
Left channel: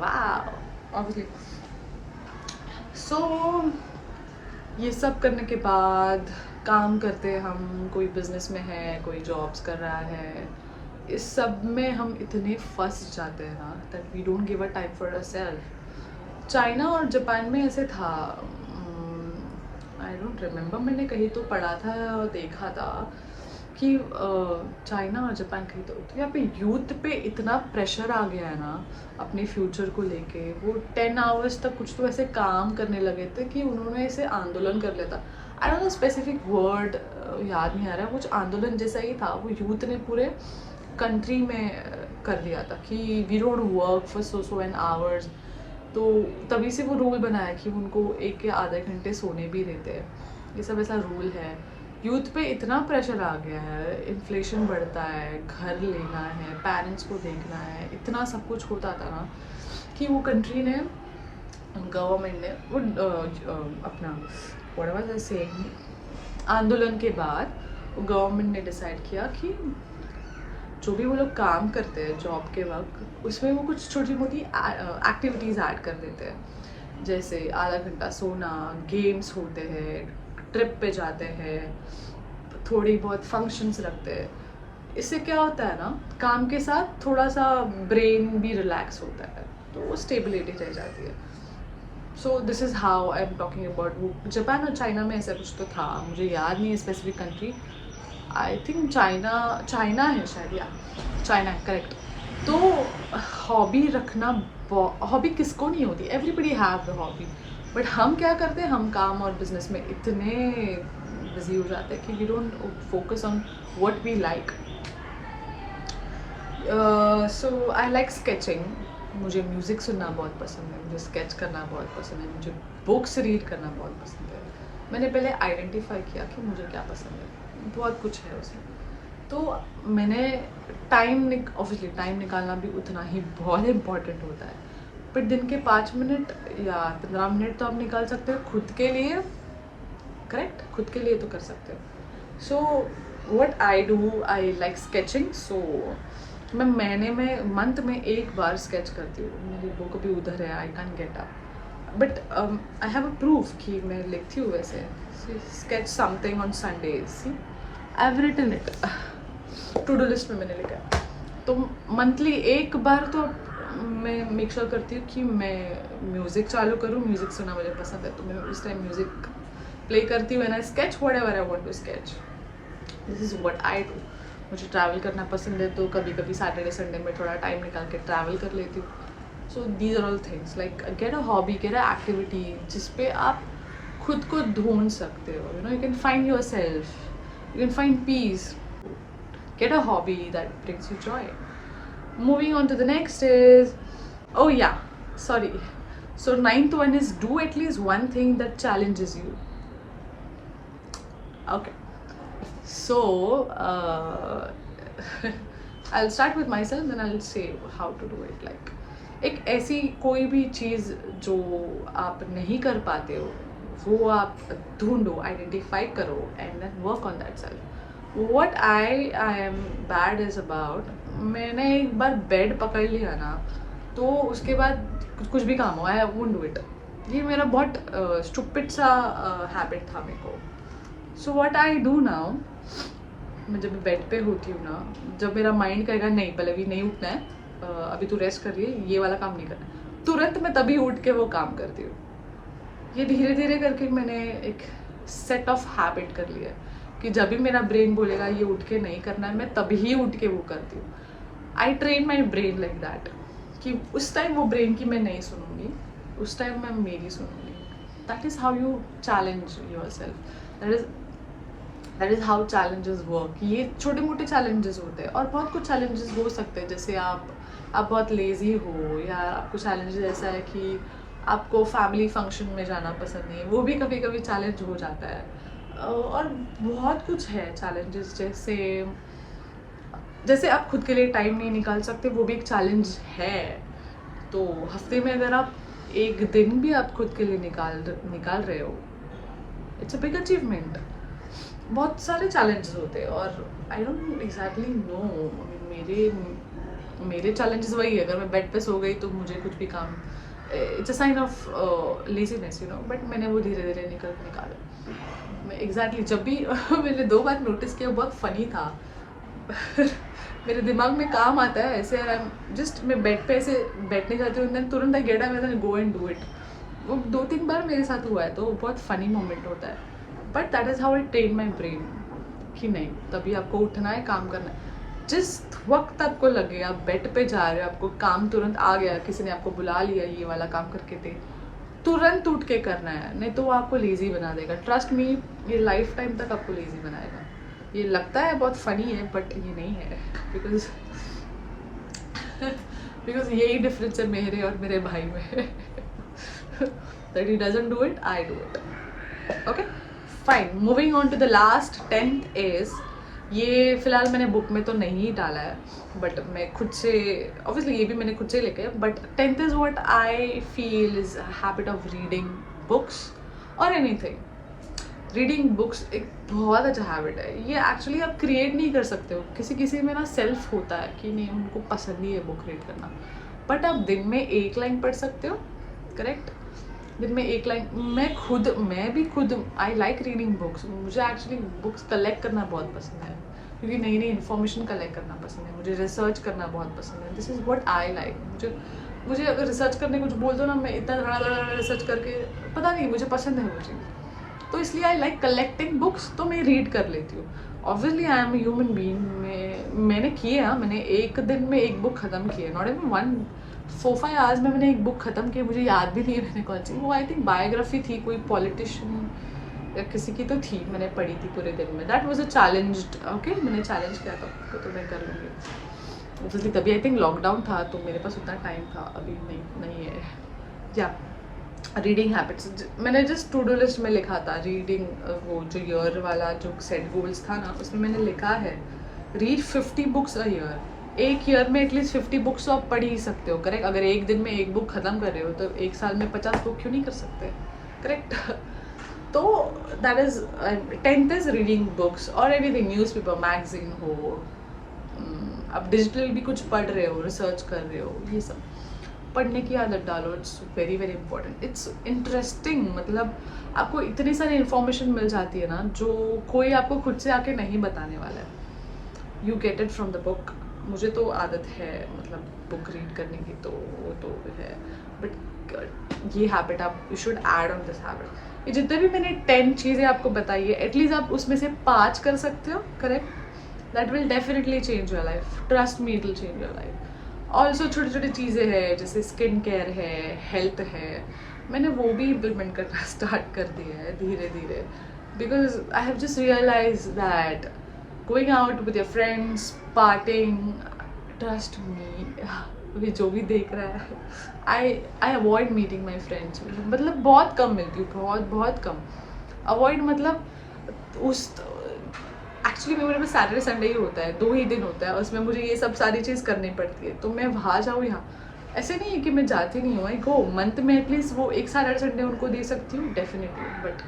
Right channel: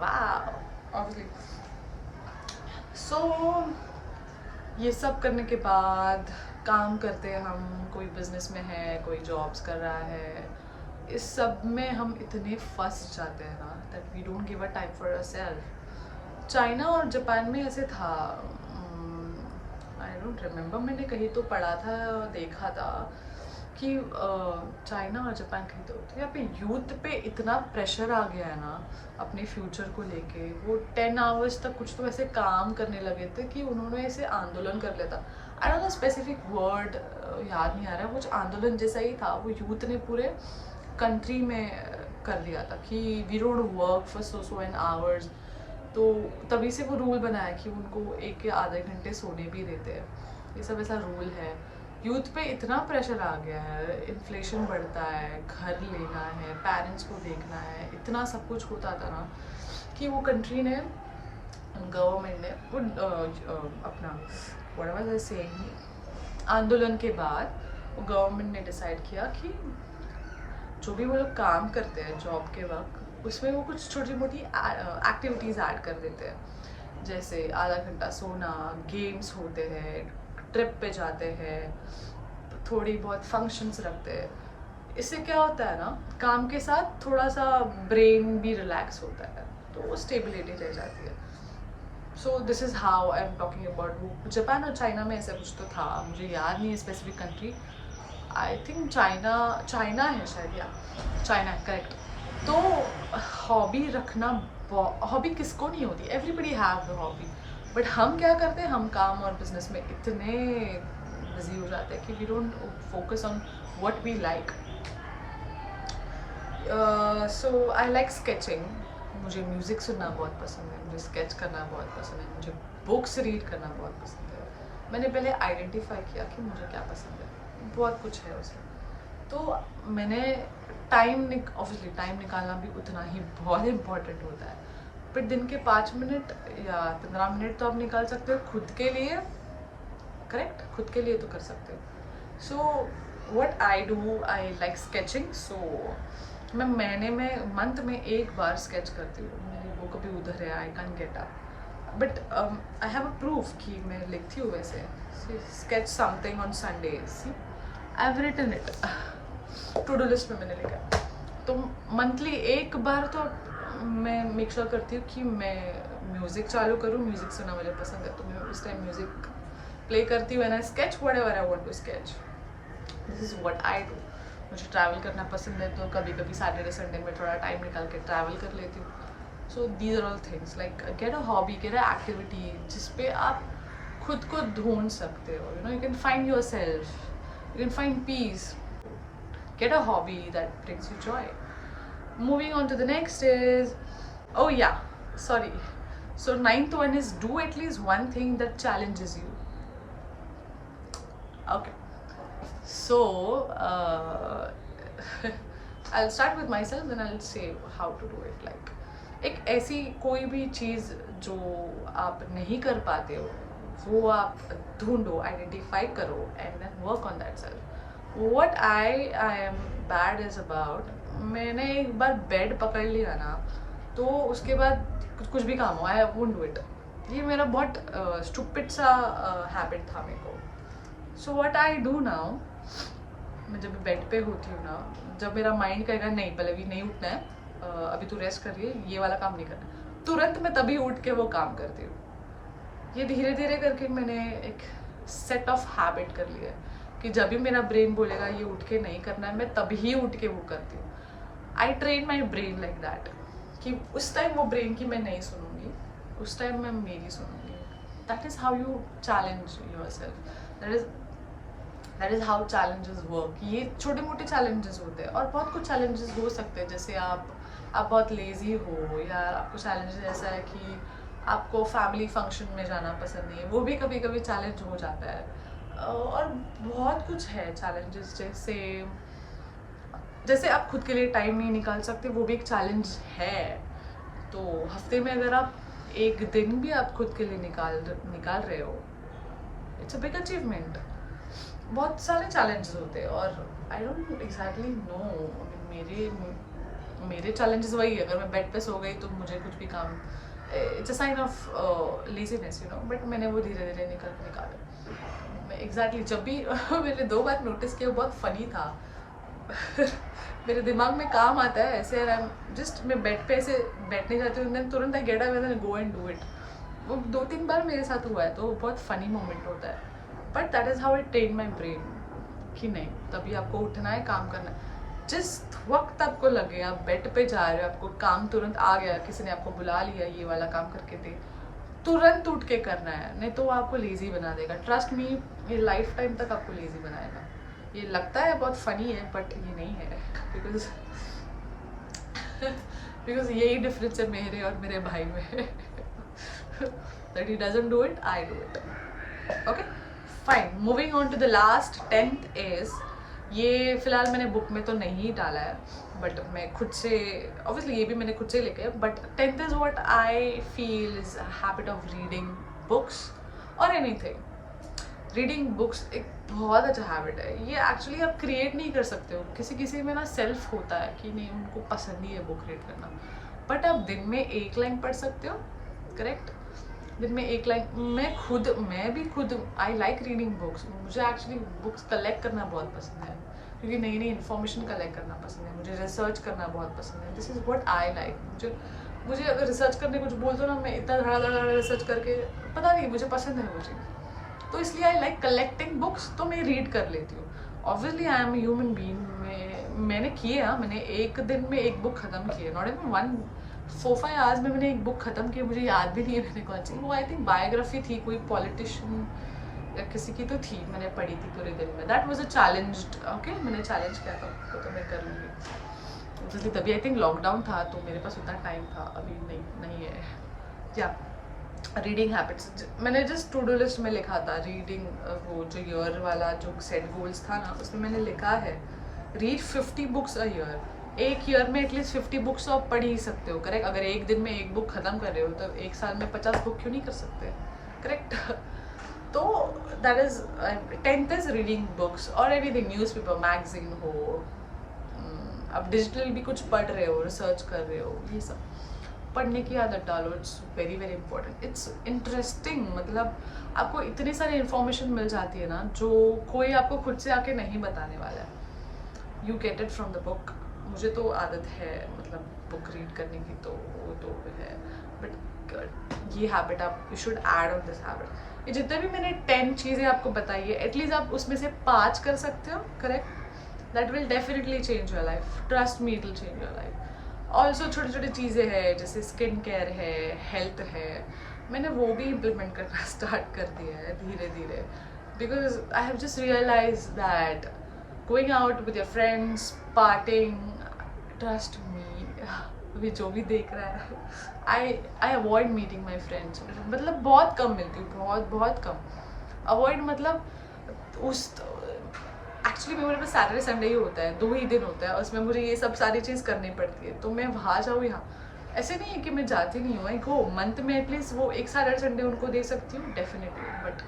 Wow, obviously. So ये सब करने के बाद काम करते हैं हम, कोई बिजनेस में है, कोई जॉब्स कर रहा है, इस सब में हम इतने फंस जाते हैं ना that we don't give a time for ourselves. China और जापान में ऐसे था, आई डोंट रिमेम्बर, मैंने कहीं तो पढ़ा था और देखा था कि चाइना और जापान कहीं तो यहाँ पे यूथ पे इतना प्रेशर आ गया है ना अपने फ्यूचर को लेके। वो 10 आवर्स तक कुछ तो ऐसे काम करने लगे थे कि उन्होंने ऐसे आंदोलन कर लिया था। आई डोंट नो स्पेसिफिक वर्ड, याद नहीं आ रहा, कुछ आंदोलन जैसा ही था। वो यूथ ने पूरे कंट्री में कर दिया था कि we don't work for so n hours. तो तभी से वो रूल बनाया कि उनको 1 या आधे घंटे सोने भी देते हैं। ये सब ऐसा रूल है। यूथ पे इतना प्रेशर आ गया है, इन्फ्लेशन बढ़ता है, घर लेना है, पेरेंट्स को देखना है, इतना सब कुछ होता था ना कि वो कंट्री ने, गवर्नमेंट ने वो अपना व्हाट वाज आई सेइंग, आंदोलन के बाद वो गवर्नमेंट ने डिसाइड किया कि जो भी वो लोग काम करते हैं जॉब के वक्त, उसमें वो कुछ छोटी मोटी एक्टिविटीज़ ऐड कर देते हैं। जैसे आधा घंटा सोना, गेम्स होते हैं, ट्रिप पे जाते हैं, थोड़ी बहुत फंक्शंस रखते हैं। इससे क्या होता है ना, काम के साथ थोड़ा सा ब्रेन भी रिलैक्स होता है, तो स्टेबिलिटी रह जाती है। So this is how I am talking about. Japan और चाइना में ऐसा कुछ तो था, मुझे याद नहीं है specific country. I think China है शायद, या चाइना है, करेक्ट। तो हॉबी रखना, हॉबी किसको नहीं होती, everybody have the hobby. But हम क्या करते हैं, हम काम और बिजनेस में इतने बिजी हो जाते हैं कि we don't focus on what we like. So I like sketching. मुझे म्यूज़िक सुनना बहुत पसंद है, मुझे स्केच करना बहुत पसंद है, मुझे बुक्स रीड करना बहुत पसंद है। मैंने पहले आइडेंटिफाई किया कि मुझे क्या पसंद है, बहुत कुछ है उसमें। तो मैंने ऑब्वियसली टाइम निकालना भी उतना ही बहुत इम्पॉर्टेंट होता है। बट दिन के 5 मिनट या 15 मिनट तो आप निकाल सकते हो खुद के लिए, करेक्ट, खुद के लिए तो कर सकते हो। So what I do, I like sketching. So मैं महीने में, मंथ में 1 बार स्केच करती हूँ। मेरी बुक भी उधर है, I can get up, but I have a proof कि मैं लिखती हूँ वैसे। Sketch something on Sundays, see I have written it, to do list में मैंने लिखा है। तो मंथली 1 बार तो मैं मेक श्योर करती हूँ कि मैं म्यूज़िक चालू करूँ। म्यूज़िक सुनना मुझे पसंद है, तो मैं उस टाइम म्यूज़िक प्ले करती हूँ and I sketch whatever I want to sketch. This is what I do. मुझे ट्रैवल करना पसंद है, तो कभी कभी सैटरडे संडे में थोड़ा टाइम निकाल के ट्रैवल कर लेती हूँ। So these are all things, like get a hobby, get a activity जिसपे आप खुद को ढूंढ सकते हो। You know, you can find your self, you can find peace. Get a hobby that brings you joy. Moving on to the next is, oh yeah, sorry. So 9th one is do at least one thing that challenges you. Okay. So I'll start with myself, then I'll say how to do it. Like एक ऐसी कोई भी चीज़ जो आप नहीं कर पाते हो, वो आप ढूंढो, आइडेंटिफाई करो, and then work on that self. What I am bad is about, मैंने एक बार बेड पकड़ लिया ना तो उसके बाद कुछ भी काम हो आई वोंट डू इट। ये मेरा बहुत स्टूपिड सा हैबिट था मेरे को। सो व्हाट आई डू नाउ, मैं जब बेड पे होती हूँ ना, जब मेरा माइंड कहेगा नहीं पल्लवी नहीं उठना है, अभी तू रेस्ट कर रही है, ये वाला काम नहीं करना है, तुरंत मैं तभी उठ के वो काम करती हूँ। ये धीरे धीरे करके मैंने एक सेट ऑफ हैबिट कर लिया है कि जब भी मेरा ब्रेन बोलेगा ये उठ के नहीं करना है, मैं तभी उठ के वो करती हूँ। I train my brain like that कि उस टाइम वो ब्रेन की मैं नहीं सुनूंगी, उस टाइम मैं मेरी सुनूंगी। That is how you challenge yourself, that is how challenges work. ये छोटे मोटे चैलेंजेस होते हैं और बहुत कुछ चैलेंजेस हो सकते हैं, जैसे आप बहुत लेज़ी हो या आपको चैलेंजेस ऐसा है कि आपको फैमिली फंक्शन में जाना पसंद नहीं है, वो भी कभी कभी चैलेंज हो जाता है। और बहुत कुछ है चैलेंजेस, जैसे आप खुद के लिए टाइम नहीं निकाल सकते, वो भी एक चैलेंज है। तो हफ्ते में अगर आप एक दिन भी आप खुद के लिए निकाल रहे हो, इट्स अ बिग अचीवमेंट। बहुत सारे चैलेंजेस होते हैं और आई डोंट एग्जैक्टली नो, मेरे चैलेंजेस वही है, अगर मैं बेड पे सो गई तो मुझे कुछ भी काम, it's a sign of laziness you know, but मैंने वो धीरे धीरे निकाला। मैं एग्जैक्टली जब भी मैंने 2 बार नोटिस किया, बहुत फनी था मेरे दिमाग में काम आता है ऐसे, जस्ट मैं बेड पे ऐसे बैठने जाती हूँ, तुरंत I get up and go and do it. वो 2-3 बार मेरे साथ हुआ है, तो बहुत फनी मोमेंट होता है। But that is how I train my brain कि नहीं, तभी आपको उठना है, काम करना है। जिस वक्त आपको लगे आप बेड पे जा रहे हो, आपको काम तुरंत आ गया, किसी ने आपको बुला लिया ये वाला काम करके दे, तुरंत उठ के करना है, नहीं तो वो आपको लेज़ी बना देगा। ट्रस्ट मी, ये लाइफ टाइम तक आपको लेज़ी बनाएगा। ये लगता है बहुत फनी है बट ये नहीं है, बिकॉज यही डिफरेंस है मेरे और मेरे भाई में that he doesn't do it, I do it. Okay fine, moving on to the last 10th is, ये फिलहाल मैंने बुक में तो नहीं डाला है, बट मैं खुद से, ऑब्वियसली ये भी मैंने खुद से लेके, but 10th is what I feel is habit of reading books और एनीथिंग। रीडिंग बुक्स एक बहुत अच्छा हैबिट है। ये एक्चुअली आप क्रिएट नहीं कर सकते हो, किसी किसी में ना सेल्फ होता है कि नहीं उनको पसंद नहीं है बुक रीड करना, बट आप दिन में 1 लाइन पढ़ सकते हो, करेक्ट, दिन में 1 लाइन। मैं भी खुद आई लाइक रीडिंग बुक्स। मुझे एक्चुअली बुक्स कलेक्ट करना बहुत पसंद है, क्योंकि नई नई इन्फॉर्मेशन कलेक्ट करना पसंद है, मुझे रिसर्च करना बहुत पसंद है। This is what I like. मुझे अगर रिसर्च करने कुछ बोल दो ना, मैं इतना धड़ा रिसर्च करके, पता नहीं मुझे पसंद है वो चीज़, तो इसलिए आई लाइक कलेक्टिंग बुक्स, तो मैं रीड कर लेती हूँ। Obviously I am human being, मैंने किए हैं, मैंने एक दिन में 1 बुक ख़त्म की है, नॉट इवन 4-5 आवर्स में मैंने 1 बुक ख़त्म की, मुझे याद भी नहीं है मैंने कौन सी, वो आई थिंक बायोग्राफी थी, कोई पॉलिटिशियन या किसी की तो थी, मैंने पढ़ी थी पूरे दिन में। That was a challenged, okay, मैंने चैलेंज किया था तो मैं कर लूँगी ऑब्वियसली। तभी आई थिंक लॉकडाउन था तो मेरे पास उतना टाइम था, अभी नहीं है। या रीडिंग हैबिट्स, मैंने जस्ट टू डू लिस्ट में लिखा था रीडिंग, वो जो ईयर वाला जो सेट गोल्स था ना, उसमें मैंने लिखा है read 50 books a year. 1 year में एटलीस्ट 50 बुक्स तो आप पढ़ ही सकते हो, करेक्ट। अगर एक दिन में 1 बुक ख़त्म कर रहे हो तो 1 साल में 50 बुक क्यों नहीं कर सकते, करेक्ट तो that is 10th is reading books और एनीथिंग, न्यूज़पेपर, मैगजीन हो, आप डिजिटल भी कुछ पढ़ रहे हो, रिसर्च कर रहे हो, ये सब पढ़ने की आदत डालो। It's very very important, it's interesting. मतलब आपको इतनी सारी इन्फॉर्मेशन मिल जाती है ना, जो कोई आपको खुद से आके नहीं बताने वाला है। You get it from the book. मुझे तो आदत है मतलब बुक रीड करने की, तो वो तो है, बट ये हैबिट आप you should add on this habit. ये जितने भी मैंने 10 चीज़ें आपको बताई है, एटलीस्ट आप उसमें से 5 कर सकते हो, correct, that will definitely change your life, trust me, it will change your life. Also छोटी छोटी चीज़ें हैं, जैसे स्किन केयर है, हेल्थ है, मैंने वो भी इम्प्लीमेंट करना स्टार्ट कर दिया है धीरे धीरे, because I have just realize that going out with your friends, partying, trust me, अभी जो भी देख रहा है, I avoid meeting my friends. मतलब बहुत कम मिलती हूँ, बहुत कम। अवॉइड मतलब उस एक्चुअली मेरे पास सैटरडे संडे ही होता है, 2 ही दिन होता है, उसमें मुझे ये सब सारी चीज़ करनी पड़ती है, तो मैं वहाँ जाऊँ यहाँ, ऐसे नहीं है कि मैं जाती नहीं हूँ, आई गो। मंथ में एटलीस्ट वो 1 सैटरडे संडे उनको दे सकती हूँ डेफिनेटली, बट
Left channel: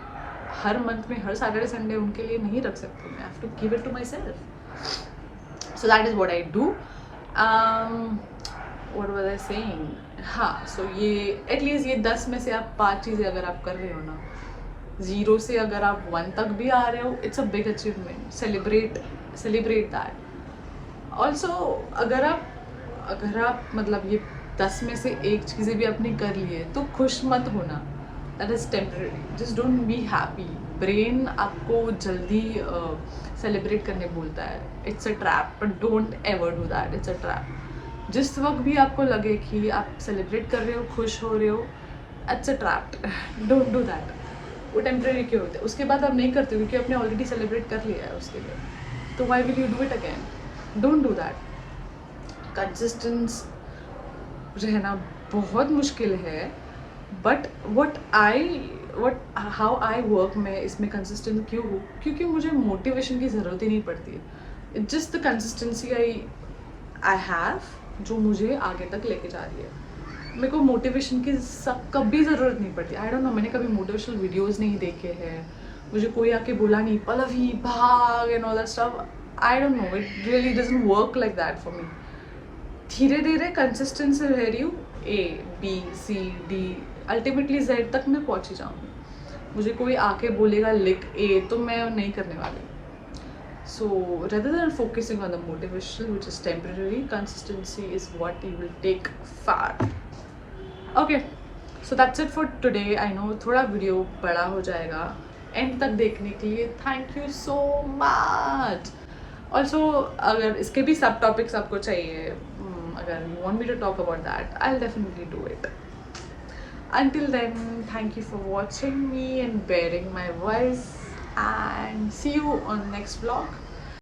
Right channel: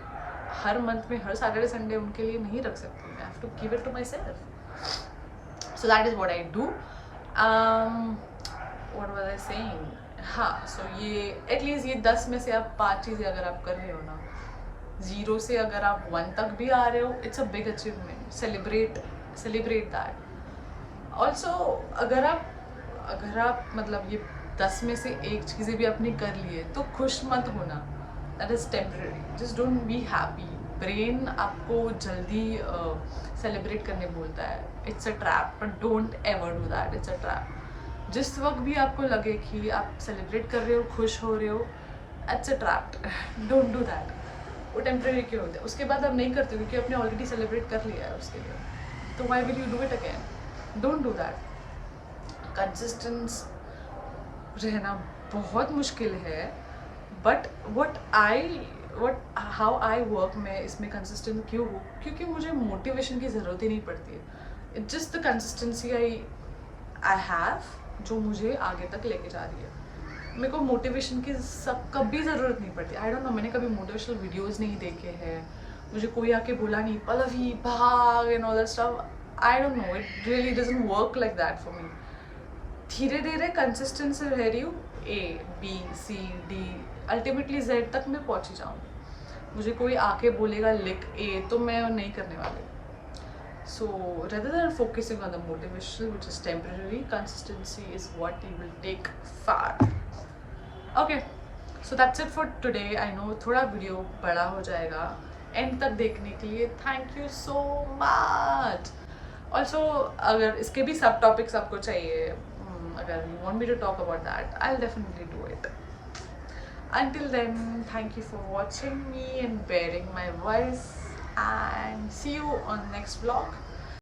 हर मंथ में हर सैटरडे संडे उनके लिए नहीं रख सकती, मैं have to give it to my self. So that is what I do. What was I saying, हाँ, सो ये एटलीस्ट ये 10 में से आप 5 चीज़ें अगर आप कर रहे हो ना, 0 से अगर आप 1 तक भी आ रहे हो, it's a big achievement. Celebrate that. Also अगर आप मतलब ये 10 में से एक चीज़ें भी आपने कर ली है तो खुश मत होना. That is temporary. Just don't be happy. Brain आपको जल्दी सेलिब्रेट करने बोलता है. It's a trap. But don't ever do that. It's a trap. जिस वक्त भी आपको लगे कि आप सेलिब्रेट कर रहे हो, खुश हो रहे हो, it's a trap. Don't do that. वो टेम्परेरी क्यों होते हैं, उसके बाद आप नहीं करते हो क्योंकि आपने ऑलरेडी सेलिब्रेट कर लिया है उसके लिए. तो why will you do it again? Don't do that. Consistence रहना बहुत मुश्किल है. बट हाउ आई वर्क, मैं इसमें कंसिस्टेंट क्यों हूँ, क्योंकि मुझे मोटिवेशन की ज़रूरत ही नहीं पड़ती. It's just the consistency I have जो मुझे आगे तक लेके जा रही है. मेरे को मोटिवेशन की कभी ज़रूरत नहीं पड़ती. आई डोंट नो, मैंने कभी मोटिवेशनल वीडियोस नहीं देखे हैं. मुझे कोई आके बोला नहीं पल्लवी भाग and all that stuff. I don't no, it really doesn't work like that for me. धीरे धीरे कंसिस्टेंट से रह रही हूँ. A B C D ultimately Z तक मैं पहुँची जाऊँगी. मुझे कोई आके बोलेगा लिख A तो मैं नहीं करने वाली. So rather than focusing on the motivation which is temporary, consistency is what you will take far. Okay, so that's it for today. I know थोड़ा वीडियो बड़ा हो जाएगा. एंड तक देखने के लिए thank you so much. Also अगर इसके भी सब टॉपिक्स आपको चाहिए, अगर you want me to talk about that, I will definitely do it. Until then, thank you for watching me and bearing my voice, and see you on next vlog.